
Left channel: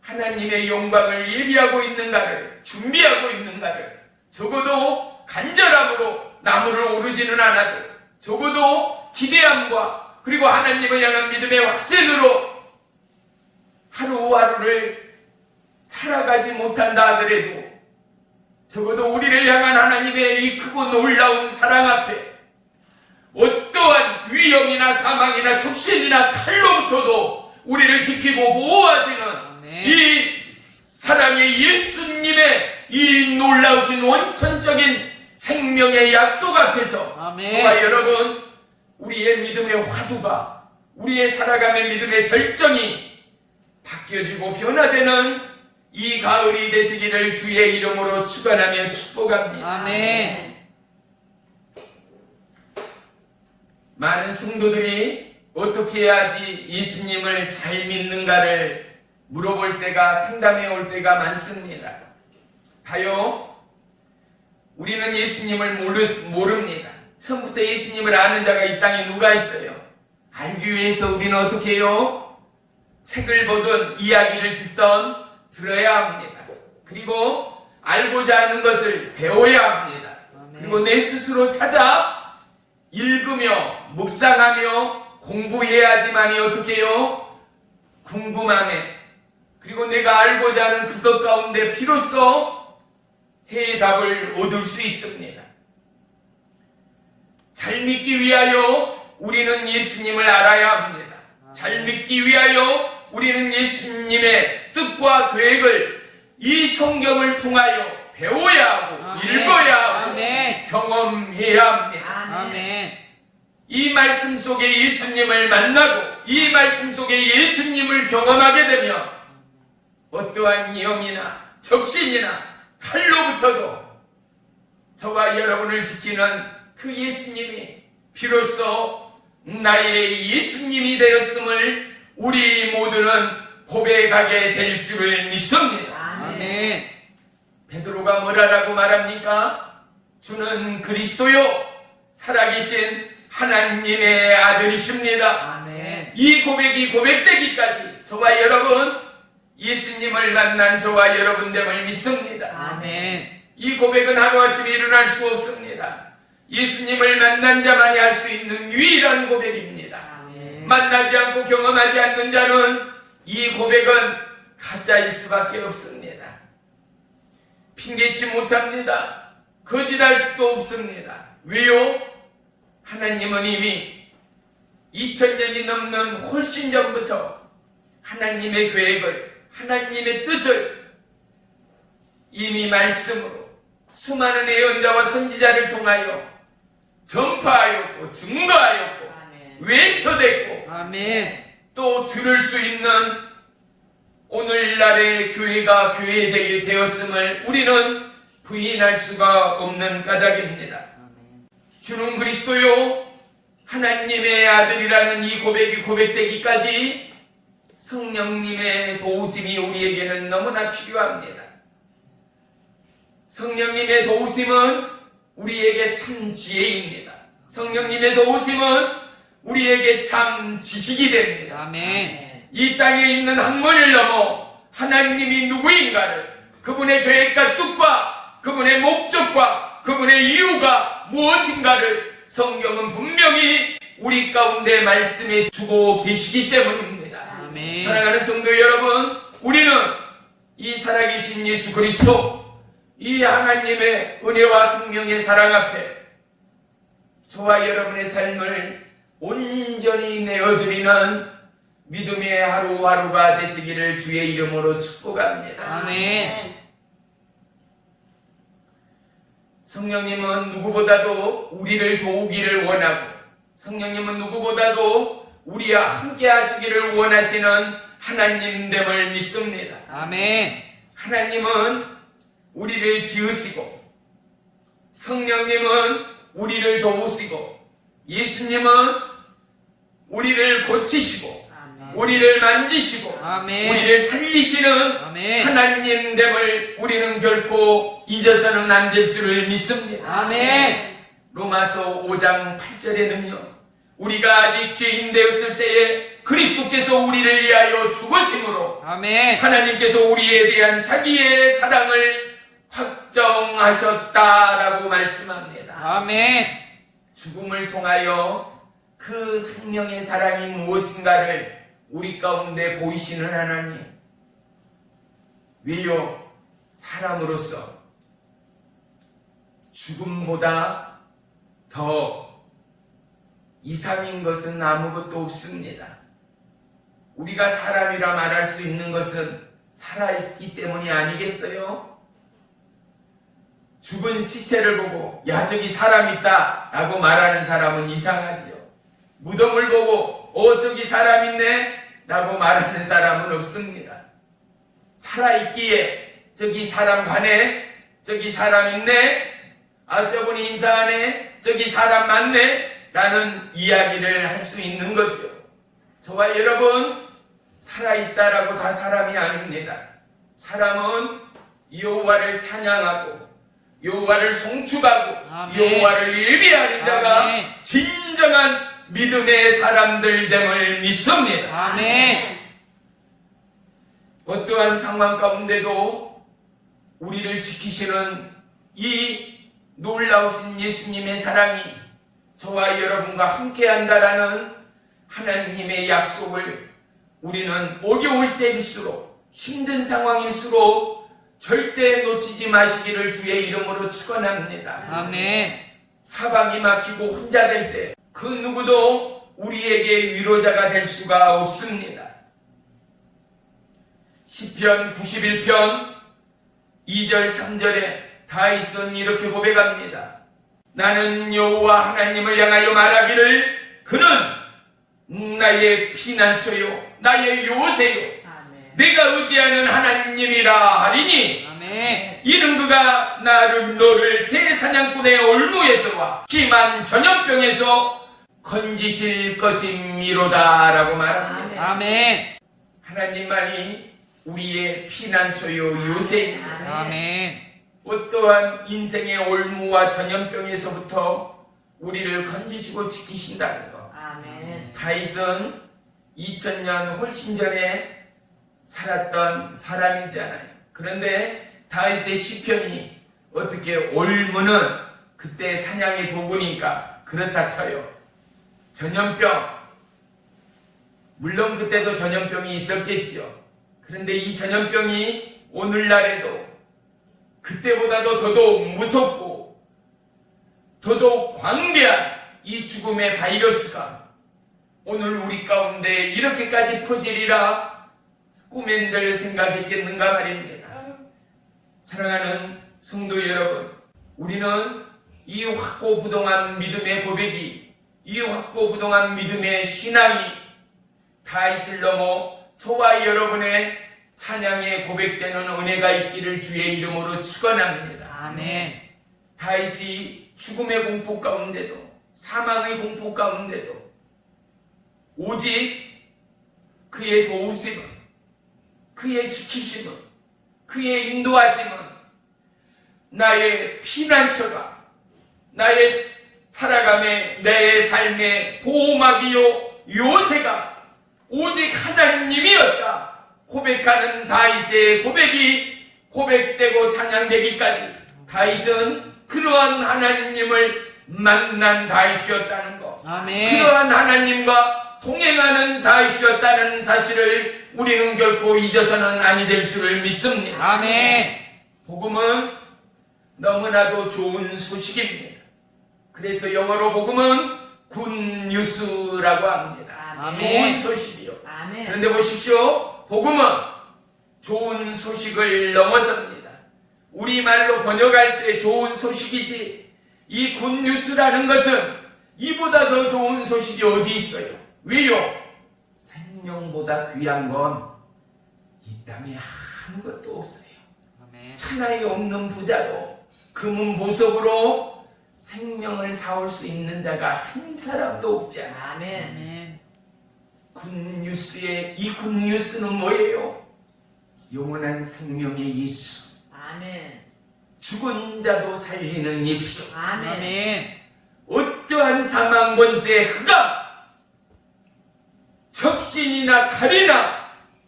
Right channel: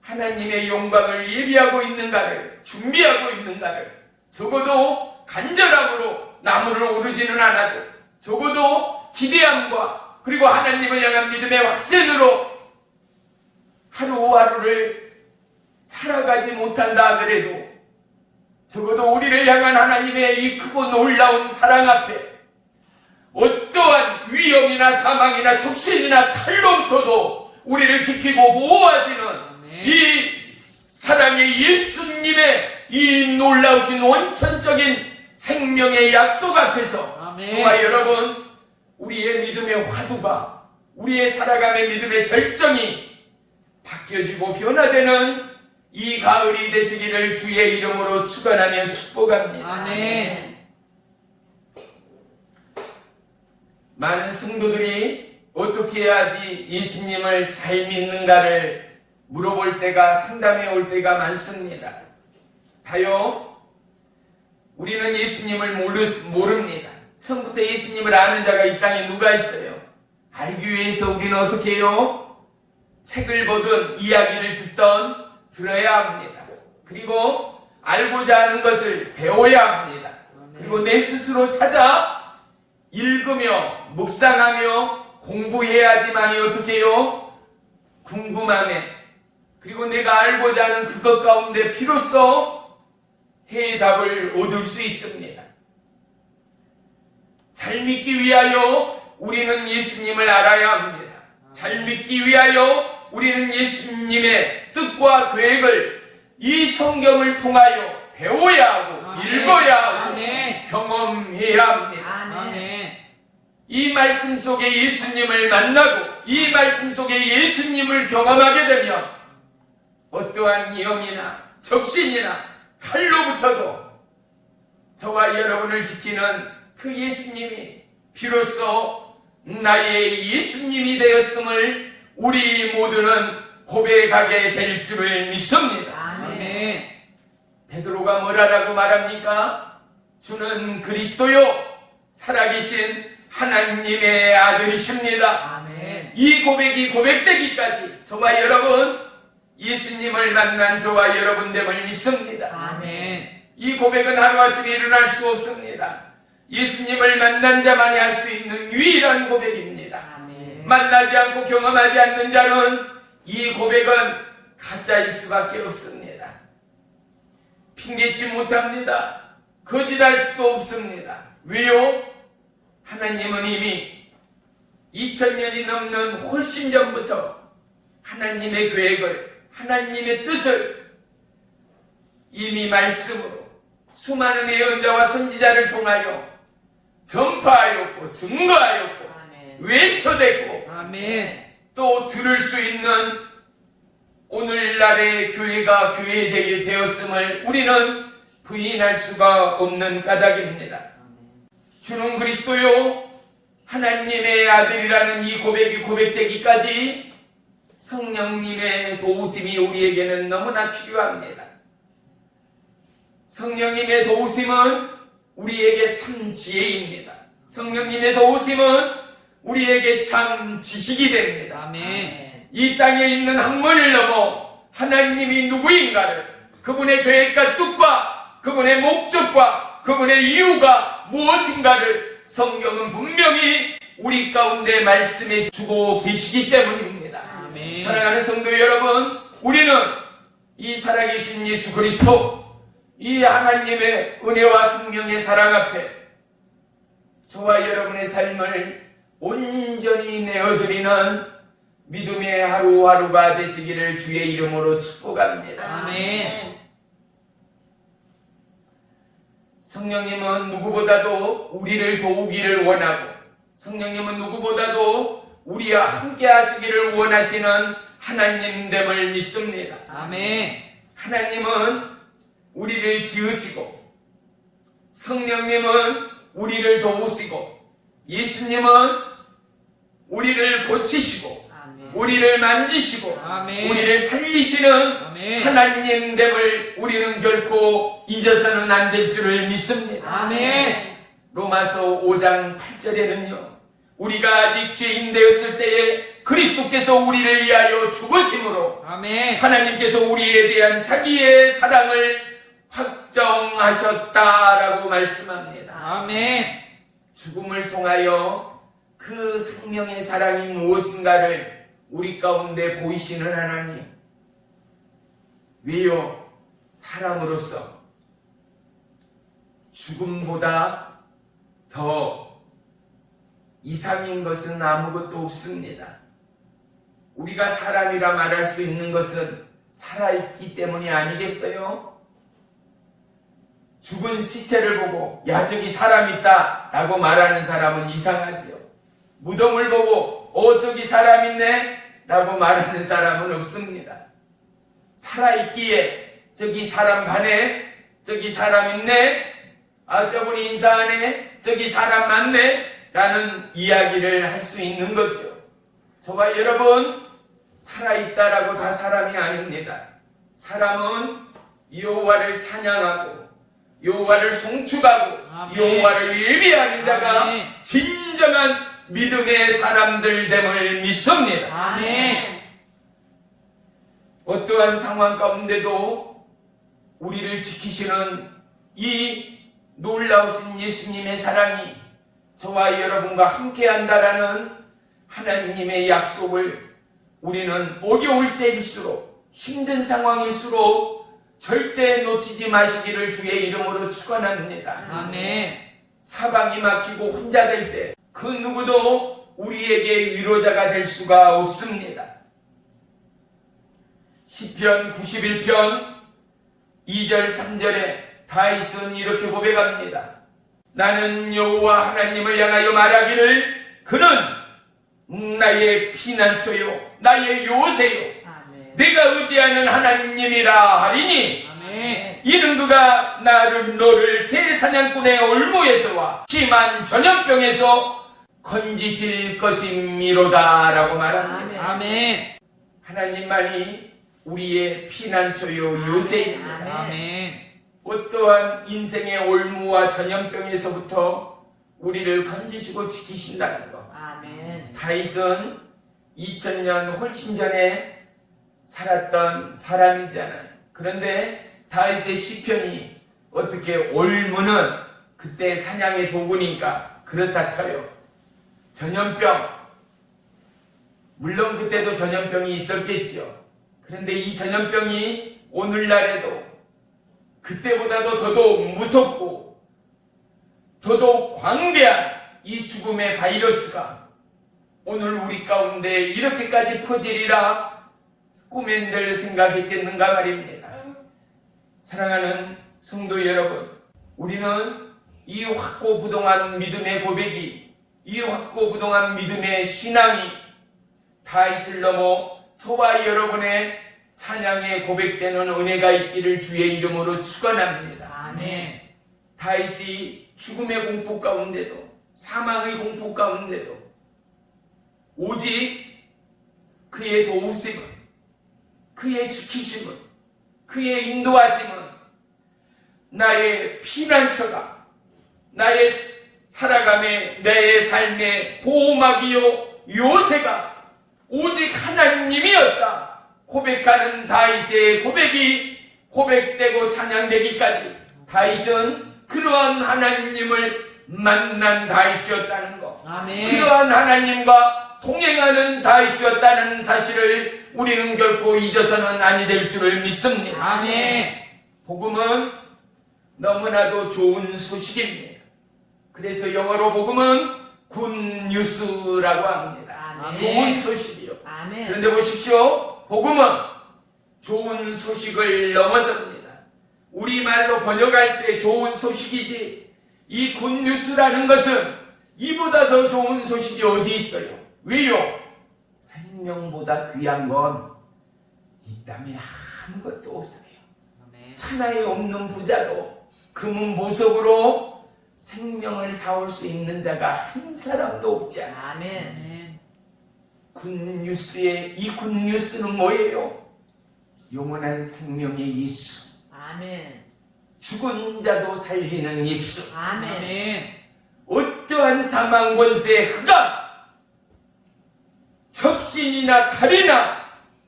하나님의 영광을 예비하고 있는가를, 준비하고 있는가를, 적어도 간절함으로 나무를 오르지는 않아도 적어도 기대함과 그리고 하나님을 향한 믿음의 확신으로 하루하루를 살아가지 못한다 하더라도 적어도 우리를 향한 하나님의 이 크고 놀라운 사랑 앞에 어떠한 위험이나 사망이나 적신이나 칼로부터도 우리를 지키고 보호하시는 이 사랑이 예수님의 이 놀라우신 원천적인 생명의 약속 앞에서 정말 여러분, 우리의 믿음의 화두가, 우리의 살아감의 믿음의 절정이 바뀌어지고 변화되는 이 가을이 되시기를 주의 이름으로 축원하며 축복합니다. 아멘. 많은 성도들이 어떻게 해야지 예수님을 잘 믿는가를 물어볼 때가, 상담해 올 때가 많습니다. 봐요, 우리는 예수님을 모릅니다. 처음부터 예수님을 아는 자가 이 땅에 누가 있어요? 알기 위해서 우리는 어떻게 해요? 책을 보든 이야기를 듣던 들어야 합니다. 그리고 알고자 하는 것을 배워야 합니다. 그리고 내 스스로 찾아 읽으며 묵상하며 공부해야지만이 어떻게 해요? 궁금함에, 그리고 내가 알고자 하는 그것 가운데 비로소 해답을 얻을 수 있습니다. 잘 믿기 위하여 우리는 예수님을 알아야 합니다. 잘 믿기 위하여 우리는 예수님의 뜻과 계획을 이 성경을 통하여 배워야 하고 읽어야 하고 경험해야 합니다. 이 말씀 속에 예수님을 만나고 이 말씀 속에 예수님을 경험하게 되면 어떠한 위험이나 적신이나 칼로부터도 저와 여러분을 지키는 그 예수님이 비로소 나의 예수님이 되었음을 우리 모두는 고백하게 될 줄을 믿습니다. 아멘. 베드로가 뭐라고 말합니까? 주는 그리스도요 살아계신 하나님의 아들이십니다. 아멘. 이 고백이 고백되기까지 저와 여러분, 예수님을 만난 저와 여러분됨을 믿습니다. 아멘. 이 고백은 하루아침에 일어날 수 없습니다. 예수님을 만난 자만이 할 수 있는 유일한 고백입니다. 아멘. 만나지 않고 경험하지 않는 자는 이 고백은 가짜일 수밖에 없습니다. 핑계치 못합니다. 거짓할 수도 없습니다. 왜요? 하나님은 이미 2000년이 넘는 훨씬 전부터 하나님의 계획을, 하나님의 뜻을 이미 말씀으로 수많은 예언자와 선지자를 통하여 전파하였고 증거하였고 외쳐댔고 또 들을 수 있는 오늘날의 교회가 교회되게 되었음을 우리는 부인할 수가 없는 까닭입니다. 주는 그리스도요 하나님의 아들이라는 이 고백이 고백되기까지 성령님의 도우심이 우리에게는 너무나 필요합니다. 성령님의 도우심은 우리에게 참 지혜입니다. 성령님의 도우심은 우리에게 참 지식이 됩니다. 아멘. 이 땅에 있는 학문을 넘어 하나님이 누구인가를, 그분의 계획과 뜻과 그분의 목적과 그분의 이유가 무엇인가를 성경은 분명히 우리 가운데 말씀해 주고 계시기 때문입니다. 아멘. 사랑하는 성도 여러분, 우리는 이 살아계신 예수 그리스도, 이 하나님의 은혜와 성령의 사랑 앞에 저와 여러분의 삶을 온전히 내어드리는 믿음의 하루하루가 되시기를 주의 이름으로 축복합니다. 아멘. 성령님은 누구보다도 우리를 도우기를 원하고 성령님은 누구보다도 우리와 함께 하시기를 원하시는 하나님됨을 믿습니다. 아멘. 하나님은 우리를 지으시고 성령님은 우리를 도우시고 예수님은 우리를 고치시고 우리를 만지시고 아멘. 우리를 살리시는 아멘. 하나님됨을 우리는 결코 잊어서는 안 될 줄을 믿습니다. 아멘. 로마서 5장 8절에는요 우리가 아직 죄인 되었을 때에 그리스도께서 우리를 위하여 죽으심으로 아멘. 하나님께서 우리에 대한 자기의 사랑을 확정하셨다라고 말씀합니다. 아멘. 죽음을 통하여 그 생명의 사랑이 무엇인가를 우리 가운데 보이시는 하나님. 왜요? 사람으로서 죽음보다 더 이상인 것은 아무것도 없습니다. 우리가 사람이라 말할 수 있는 것은 살아있기 때문이 아니겠어요? 죽은 시체를 보고 야 저기 사람 있다 라고 말하는 사람은 이상하지요. 무덤을 보고 저기 사람 있네 라고 말하는 사람은 없습니다. 살아있기에 저기 사람 가네, 저기 사람 있네, 저분이 인사하네, 저기 사람 많네 라는 이야기를 할 수 있는 거죠. 저와 여러분 살아있다라고 다 사람이 아닙니다. 사람은 여호와를 찬양하고 여호와를 송축하고 아멘. 여호와를 예비하는 자가 아멘. 진정한 믿음의 사람들 됨을 믿습니다. 아멘. 어떠한 상황 가운데도 우리를 지키시는 이 놀라우신 예수님의 사랑이 저와 여러분과 함께한다라는 하나님의 약속을 우리는 어려울 때일수록 힘든 상황일수록 절대 놓치지 마시기를 주의 이름으로 축원합니다. 아멘. 사방이 막히고 혼자 될 때 그 누구도 우리에게 위로자가 될 수가 없습니다. 시편 91편 2절 3절에 다윗은 이렇게 고백합니다. 나는 여호와 하나님을 향하여 말하기를 그는 나의 피난처요 나의 요새요 아멘. 내가 의지하는 하나님이라 하리니 아멘. 이는 그가 너를 새 사냥꾼의 올무에서와 심한 전염병에서 건지실 것임이로다 라고 말합니다. 아멘. 하나님만이 우리의 피난처요 요새입니다. 아멘. 어떠한 인생의 올무와 전염병에서부터 우리를 건지시고 지키신다는 것. 아멘. 다윗은 2000년 훨씬 전에 살았던 사람이잖아요. 그런데 다윗의 시편이 어떻게 올무는 그때 사냥의 도구니까 그렇다 쳐요. 전염병, 물론 그때도 전염병이 있었겠죠. 그런데 이 전염병이 오늘날에도 그때보다도 더더욱 무섭고 더더욱 광대한 이 죽음의 바이러스가 오늘 우리 가운데 이렇게까지 퍼지리라 꿈엔들 생각했겠는가 말입니다. 사랑하는 성도 여러분, 우리는 이 확고부동한 믿음의 고백이, 이 확고부동한 믿음의 신앙이 다윗을 넘어 저와 여러분의 찬양에 고백되는 은혜가 있기를 주의 이름으로 축원합니다. 아멘. 다윗이 죽음의 공포 가운데도 사망의 공포 가운데도 오직 그의 도우심은, 그의 지키심은, 그의 인도하심은 나의 피난처가, 나의 살아감의 내 삶의 보호막이요 요새가 오직 하나님이었다 고백하는 다윗의 고백이 고백되고 찬양되기까지 다윗은 그러한 하나님을 만난 다윗이었다는 것, 아멘. 그러한 하나님과 동행하는 다윗이었다는 사실을 우리는 결코 잊어서는 아니 될 줄을 믿습니다. 아멘. 복음은 너무나도 좋은 소식입니다. 그래서 영어로 복음은 굿뉴스라고 합니다. 아멘. 좋은 소식이요. 아멘. 그런데 보십시오. 복음은 좋은 소식을 넘어섭니다. 우리말로 번역할 때 좋은 소식이지, 이 굿뉴스라는 것은 이보다 더 좋은 소식이 어디 있어요? 왜요? 생명보다 귀한 건 이 땅에 아무것도 없어요. 아멘. 천하에 없는 부자도 금은 보석으로 생명을 사올 수 있는 자가 한 사람도 없지 않아. 아멘. 아멘. 굿뉴스의 이 굿뉴스는 뭐예요? 영원한 생명의 예수, 아멘. 죽은 자도 살리는 예수, 아멘. 아멘. 어떠한 사망 권세 흑암, 적신이나 칼이나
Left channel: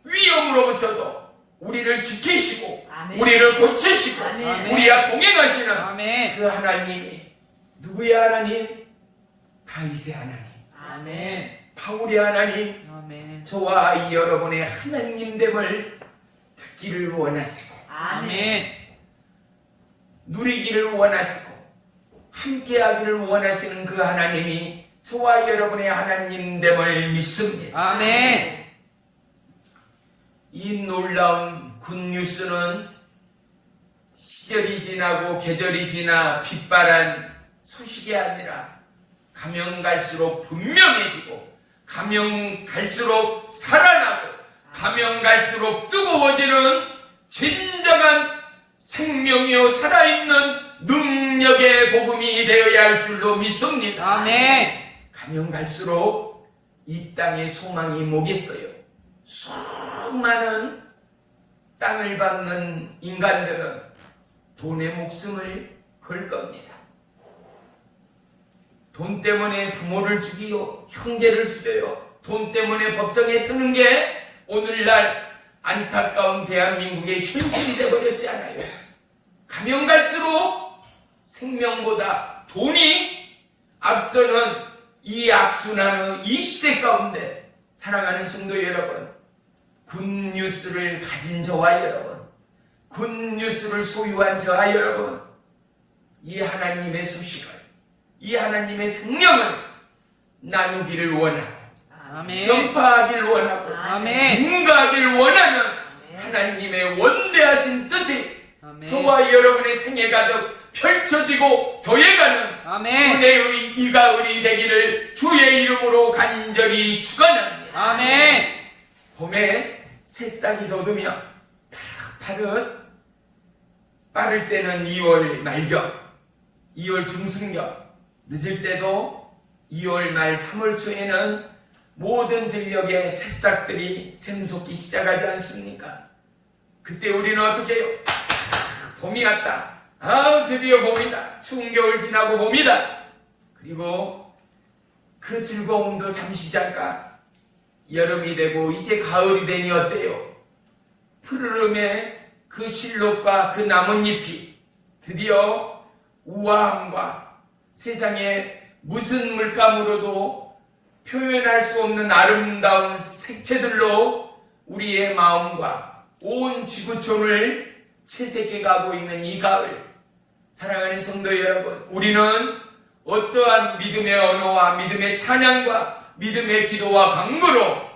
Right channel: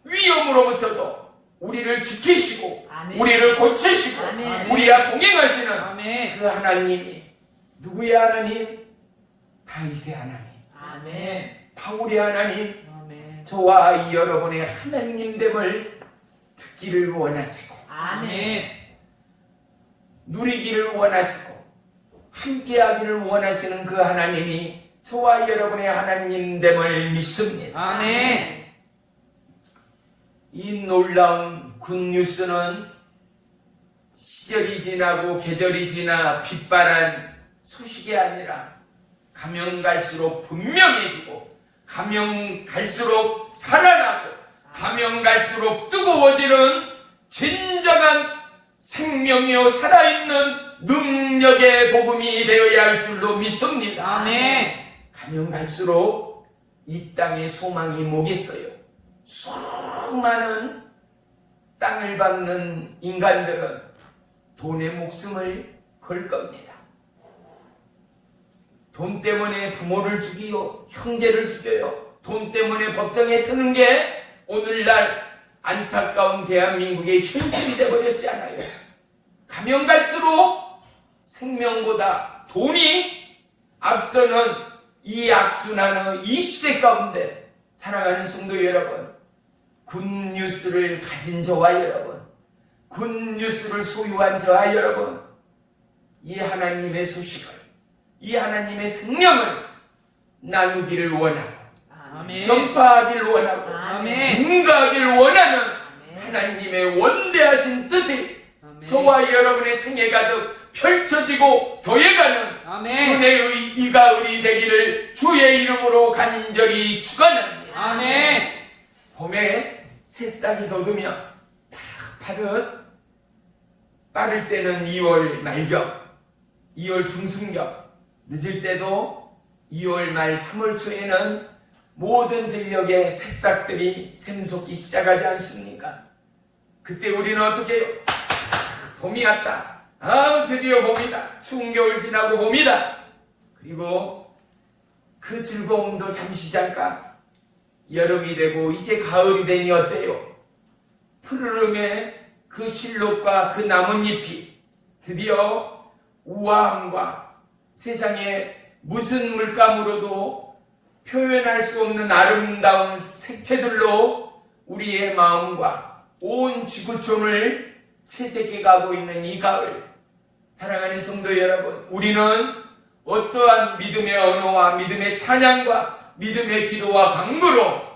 위험으로부터도 우리를 지키시고 아멘. 우리를 고치시고 아멘. 우리와 동행하시는 아멘. 그 하나님이 누구의 하나님? 다윗의 하나님, 아멘. 바울의 하나님, 아멘. 저와 여러분의 하나님됨을 듣기를 원하시고 아멘. 누리기를 원하시고 함께하기를 원하시는 그 하나님이 저와 여러분의 하나님됨을 믿습니다. 아멘. 이 놀라운 굿뉴스는 시절이 지나고 계절이 지나 빛바란 소식이 아니라 가면 갈수록 분명해지고 가면 갈수록 살아나고 가면 갈수록 뜨거워지는 진정한 생명이요 살아있는 능력의 복음이 되어야 할 줄로 믿습니다. 아멘. 가면 갈수록 이 땅에 소망이 뭐겠어요? 수많은 땅을 밟는 인간들은 돈의 목숨을 걸 겁니다. 돈 때문에 부모를 죽이고 형제를 죽여요. 돈 때문에 법정에 서는 게 오늘날 안타까운 대한민국의 현실이 되어버렸지 않아요. 가면 갈수록 생명보다 돈이 앞서는 이 악순환의 이 시대 가운데 사랑하는 성도 여러분, 굿뉴스를 가진 저와 여러분, 굿뉴스를 소유한 저와 여러분, 이 하나님의 소식을, 이 하나님의 생명을 나누기를 원하고 아멘. 전파하기를 원하고 아멘. 증가하기를 원하는 아멘. 하나님의 원대하신 뜻이 아멘. 저와 여러분의 생애 가득 펼쳐지고 더해가는 아멘. 은혜의 이 가을이 되기를 주의 이름으로 간절히 축원합니다. 아멘. 봄에 새싹이 돋으며 파릇파릇, 빠를 때는 2월 말경, 2월 중순경, 늦을 때도 2월 말 3월 초에는 모든 들녘에 새싹들이 샘솟기 시작하지 않습니까? 그때 우리는 어떻게 해요? 봄이 왔다. 드디어 봄이다. 추운 겨울 지나고 봄이다. 그리고 그 즐거움도 잠시 잠깐 여름이 되고 이제 가을이 되니 어때요? 푸르름의 그 실록과 그 나뭇잎이 드디어 우아함과 세상에 무슨 물감으로도 표현할 수 없는 아름다운 색채들로 우리의 마음과 온 지구촌을 채색해가고 있는 이 가을, 사랑하는 성도 여러분, 우리는 어떠한 믿음의 언어와 믿음의 찬양과 믿음의 기도와 강구로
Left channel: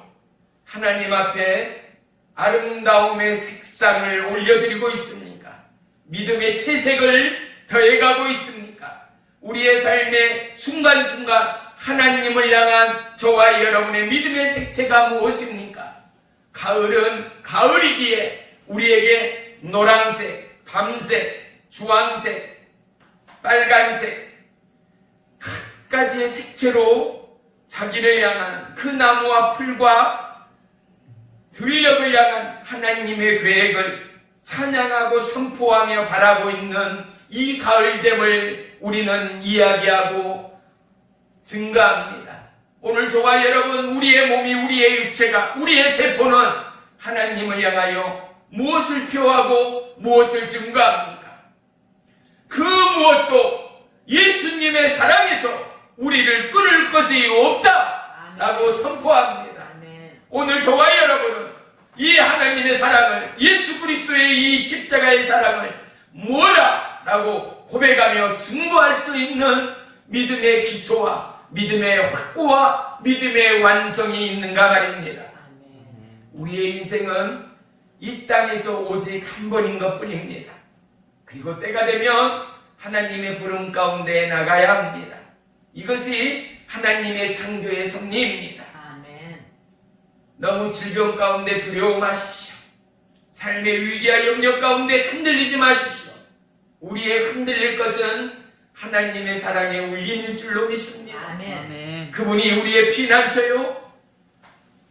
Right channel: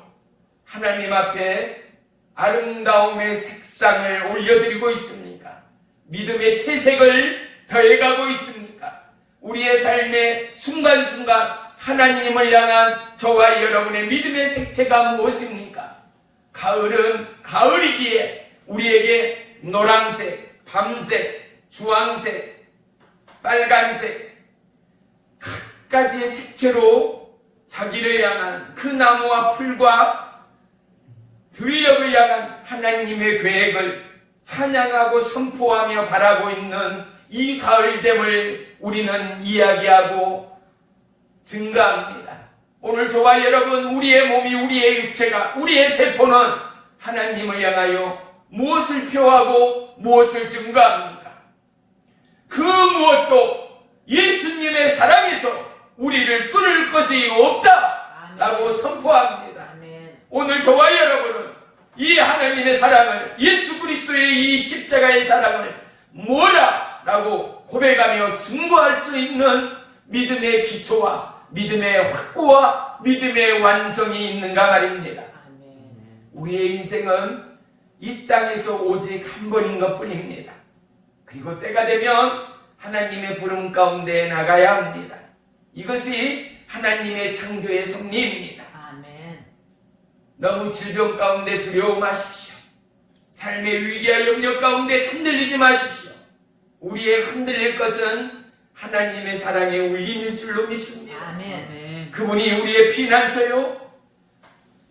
하나님 앞에 아름다움의 색상을 올려드리고 있습니까? 믿음의 채색을 더해가고 있습니까? 우리의 삶의 순간순간 하나님을 향한 저와 여러분의 믿음의 색채가 무엇입니까? 가을은 가을이기에 우리에게 노란색, 밤색, 주황색, 빨간색 각가지의 색채로 자기를 향한 그 나무와 풀과 들녘을 향한 하나님의 계획을 찬양하고 선포하며 바라고 있는 이 가을됨을 우리는 이야기하고 증가합니다. 오늘 저와 여러분, 우리의 몸이, 우리의 육체가, 우리의 세포는 하나님을 향하여 무엇을 표하고 무엇을 증가합니까? 그 무엇도 예수님의 사랑에서 우리를 끊을 것이 없다 라고 선포합니다. 아멘. 오늘 저와 여러분은 이 하나님의 사랑을, 예수 그리스도의 이 십자가의 사랑을 뭐라 라고 수 있는 믿음의 기초와 믿음의 확고와 믿음의 완성이 있는가 말입니다. 아멘. 우리의 인생은 이 땅에서 오직 한 번인 것 뿐입니다. 그리고 때가 되면 하나님의 부름 가운데 나가야 합니다. 이것이 하나님의 창조의 섭리입니다. 아멘. 너무 질병 가운데 두려워 마십시오. 삶의 위기와 염려 가운데 흔들리지 마십시오. 우리의 흔들릴 것은 하나님의 사랑의 울림일 줄로 믿습니다. 아멘. 그분이 우리의 피난처요,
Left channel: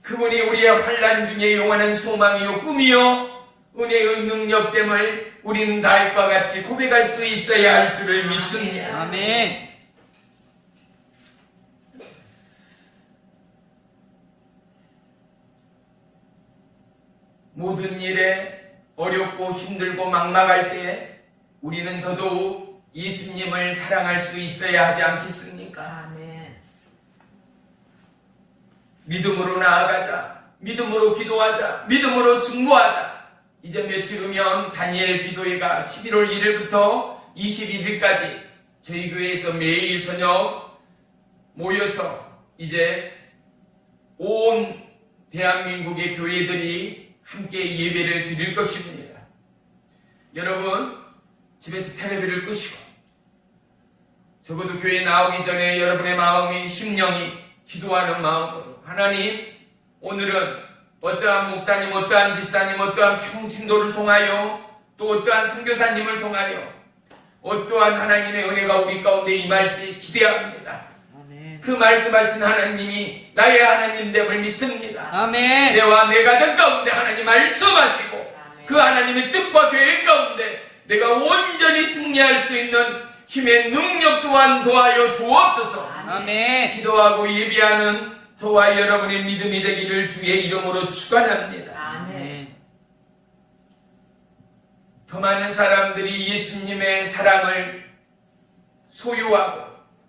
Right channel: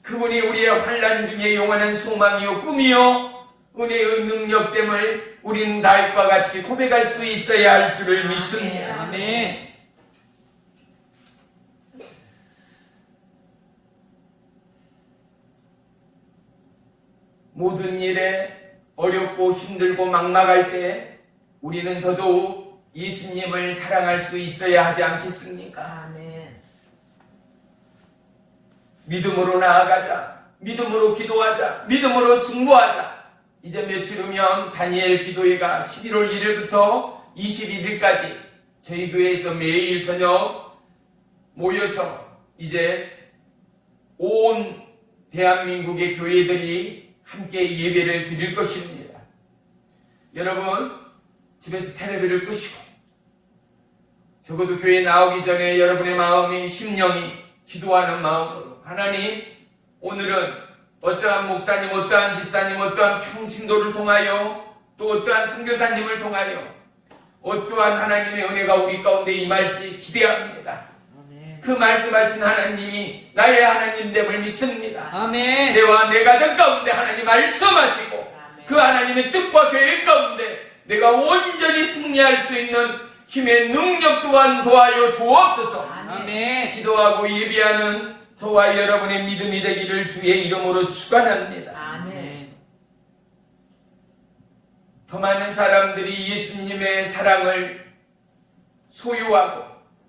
그분이 우리의 환난 중에 영원한 소망이요 꿈이요 은혜의 능력됨을 우리는 다윗과 같이 고백할 수 있어야 할 줄을 믿습니다. 아멘. 모든 일에 어렵고 힘들고 막막할 때 우리는 더더욱 예수님을 사랑할 수 있어야 하지 않겠습니까? 아멘. 믿음으로 나아가자, 믿음으로 기도하자, 믿음으로 증거하자. 이제 며칠 후면 다니엘 기도회가 11월 1일부터 21일까지 저희 교회에서 매일 저녁 모여서 이제 온 대한민국의 교회들이 함께 예배를 드릴 것입니다. 여러분, 집에서 텔레비를 끄시고 적어도 교회 나오기 전에 여러분의 마음이, 심령이 기도하는 마음으로 하나님, 오늘은 어떠한 목사님, 어떠한 집사님, 어떠한 평신도를 통하여 또 어떠한 선교사님을 통하여 어떠한 하나님의 은혜가 우리 가운데 임할지 기대합니다. 아멘. 그 말씀하신 하나님이 나의 하나님됨을 믿습니다. 아멘. 내와 내 가정 가운데 하나님 말씀하시고 그 하나님의 뜻과 계획 가운데 내가 온전히 승리할 수 있는 힘의 능력 또한 도와여 주옵소서. 아멘. 기도하고 예비하는 저와 여러분의 믿음이 되기를 주의 이름으로 축원합니다. 아멘. 더 많은 사람들이 예수님의 사랑을 소유하고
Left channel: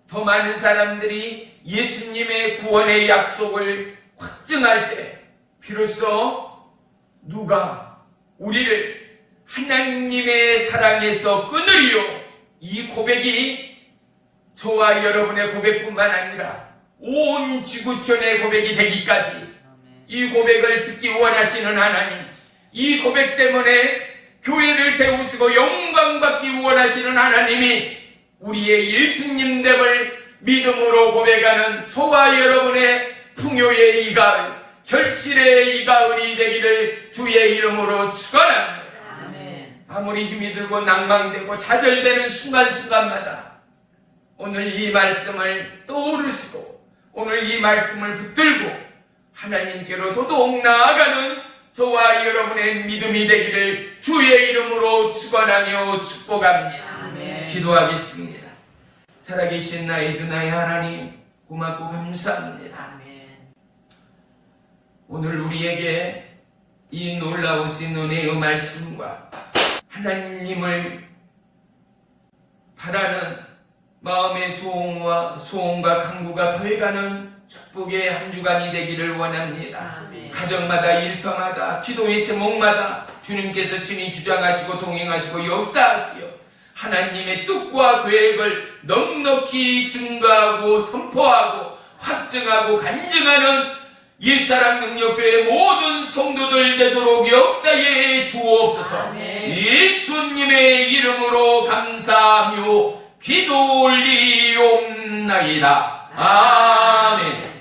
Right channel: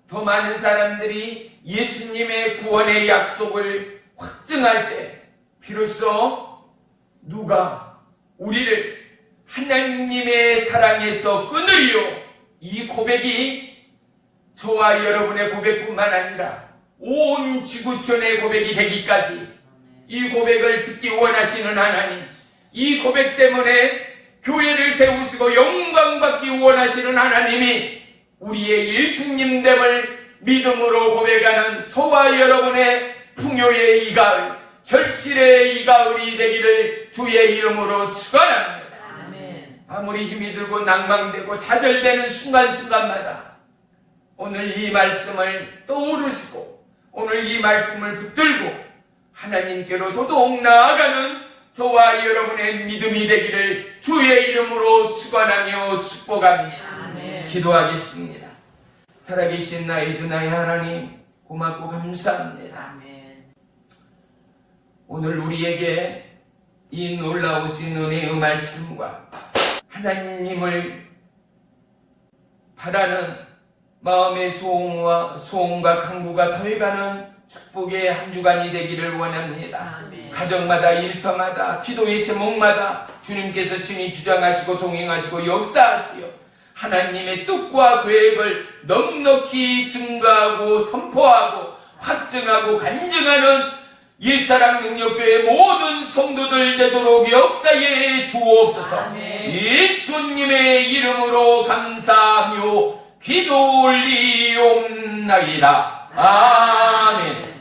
더 많은 사람들이 예수님의 구원의 약속을 확증할 때 비로소 누가 우리를 하나님의 사랑에서 끊으리요, 이 고백이 저와 여러분의 고백뿐만 아니라 온 지구촌의 고백이 되기까지 이 고백을 듣기 원하시는 하나님, 이 고백 때문에 교회를 세우시고 영광받기 원하시는 하나님이 우리의 예수님됨을 믿음으로 고백하는 저와 여러분의 풍요의 이 가을, 결실의 이 가을이 되기를 주의 이름으로 축원합니다. 아멘. 아무리 힘이 들고 낭망되고 좌절되는 순간순간마다 오늘 이 말씀을 떠오르시고 오늘 이 말씀을 붙들고 하나님께로 더더욱 나아가는 저와 여러분의 믿음이 되기를 주의 이름으로 축원하며 축복합니다. 아멘. 기도하겠습니다. 살아계신 나의 주 나의 하나님, 고맙고 감사합니다. 아멘. 오늘 우리에게 이 놀라우신 은혜의 말씀과 하나님을 바라는 마음의 소원과 강구가 더해가는 축복의 한 주간이 되기를 원합니다. 아멘. 가정마다, 일터마다, 기도의 제목마다 주님께서 친히 주장하시고 동행하시고 역사하시어 하나님의 뜻과 계획을 넉넉히 증거하고 선포하고 확증하고 간증하는 옛사랑 능력교회 모든 성도들 되도록 역사해 주옵소서. 아멘. 예수님의 이름으로 감사하며 기도 올리옵나이다. 아멘.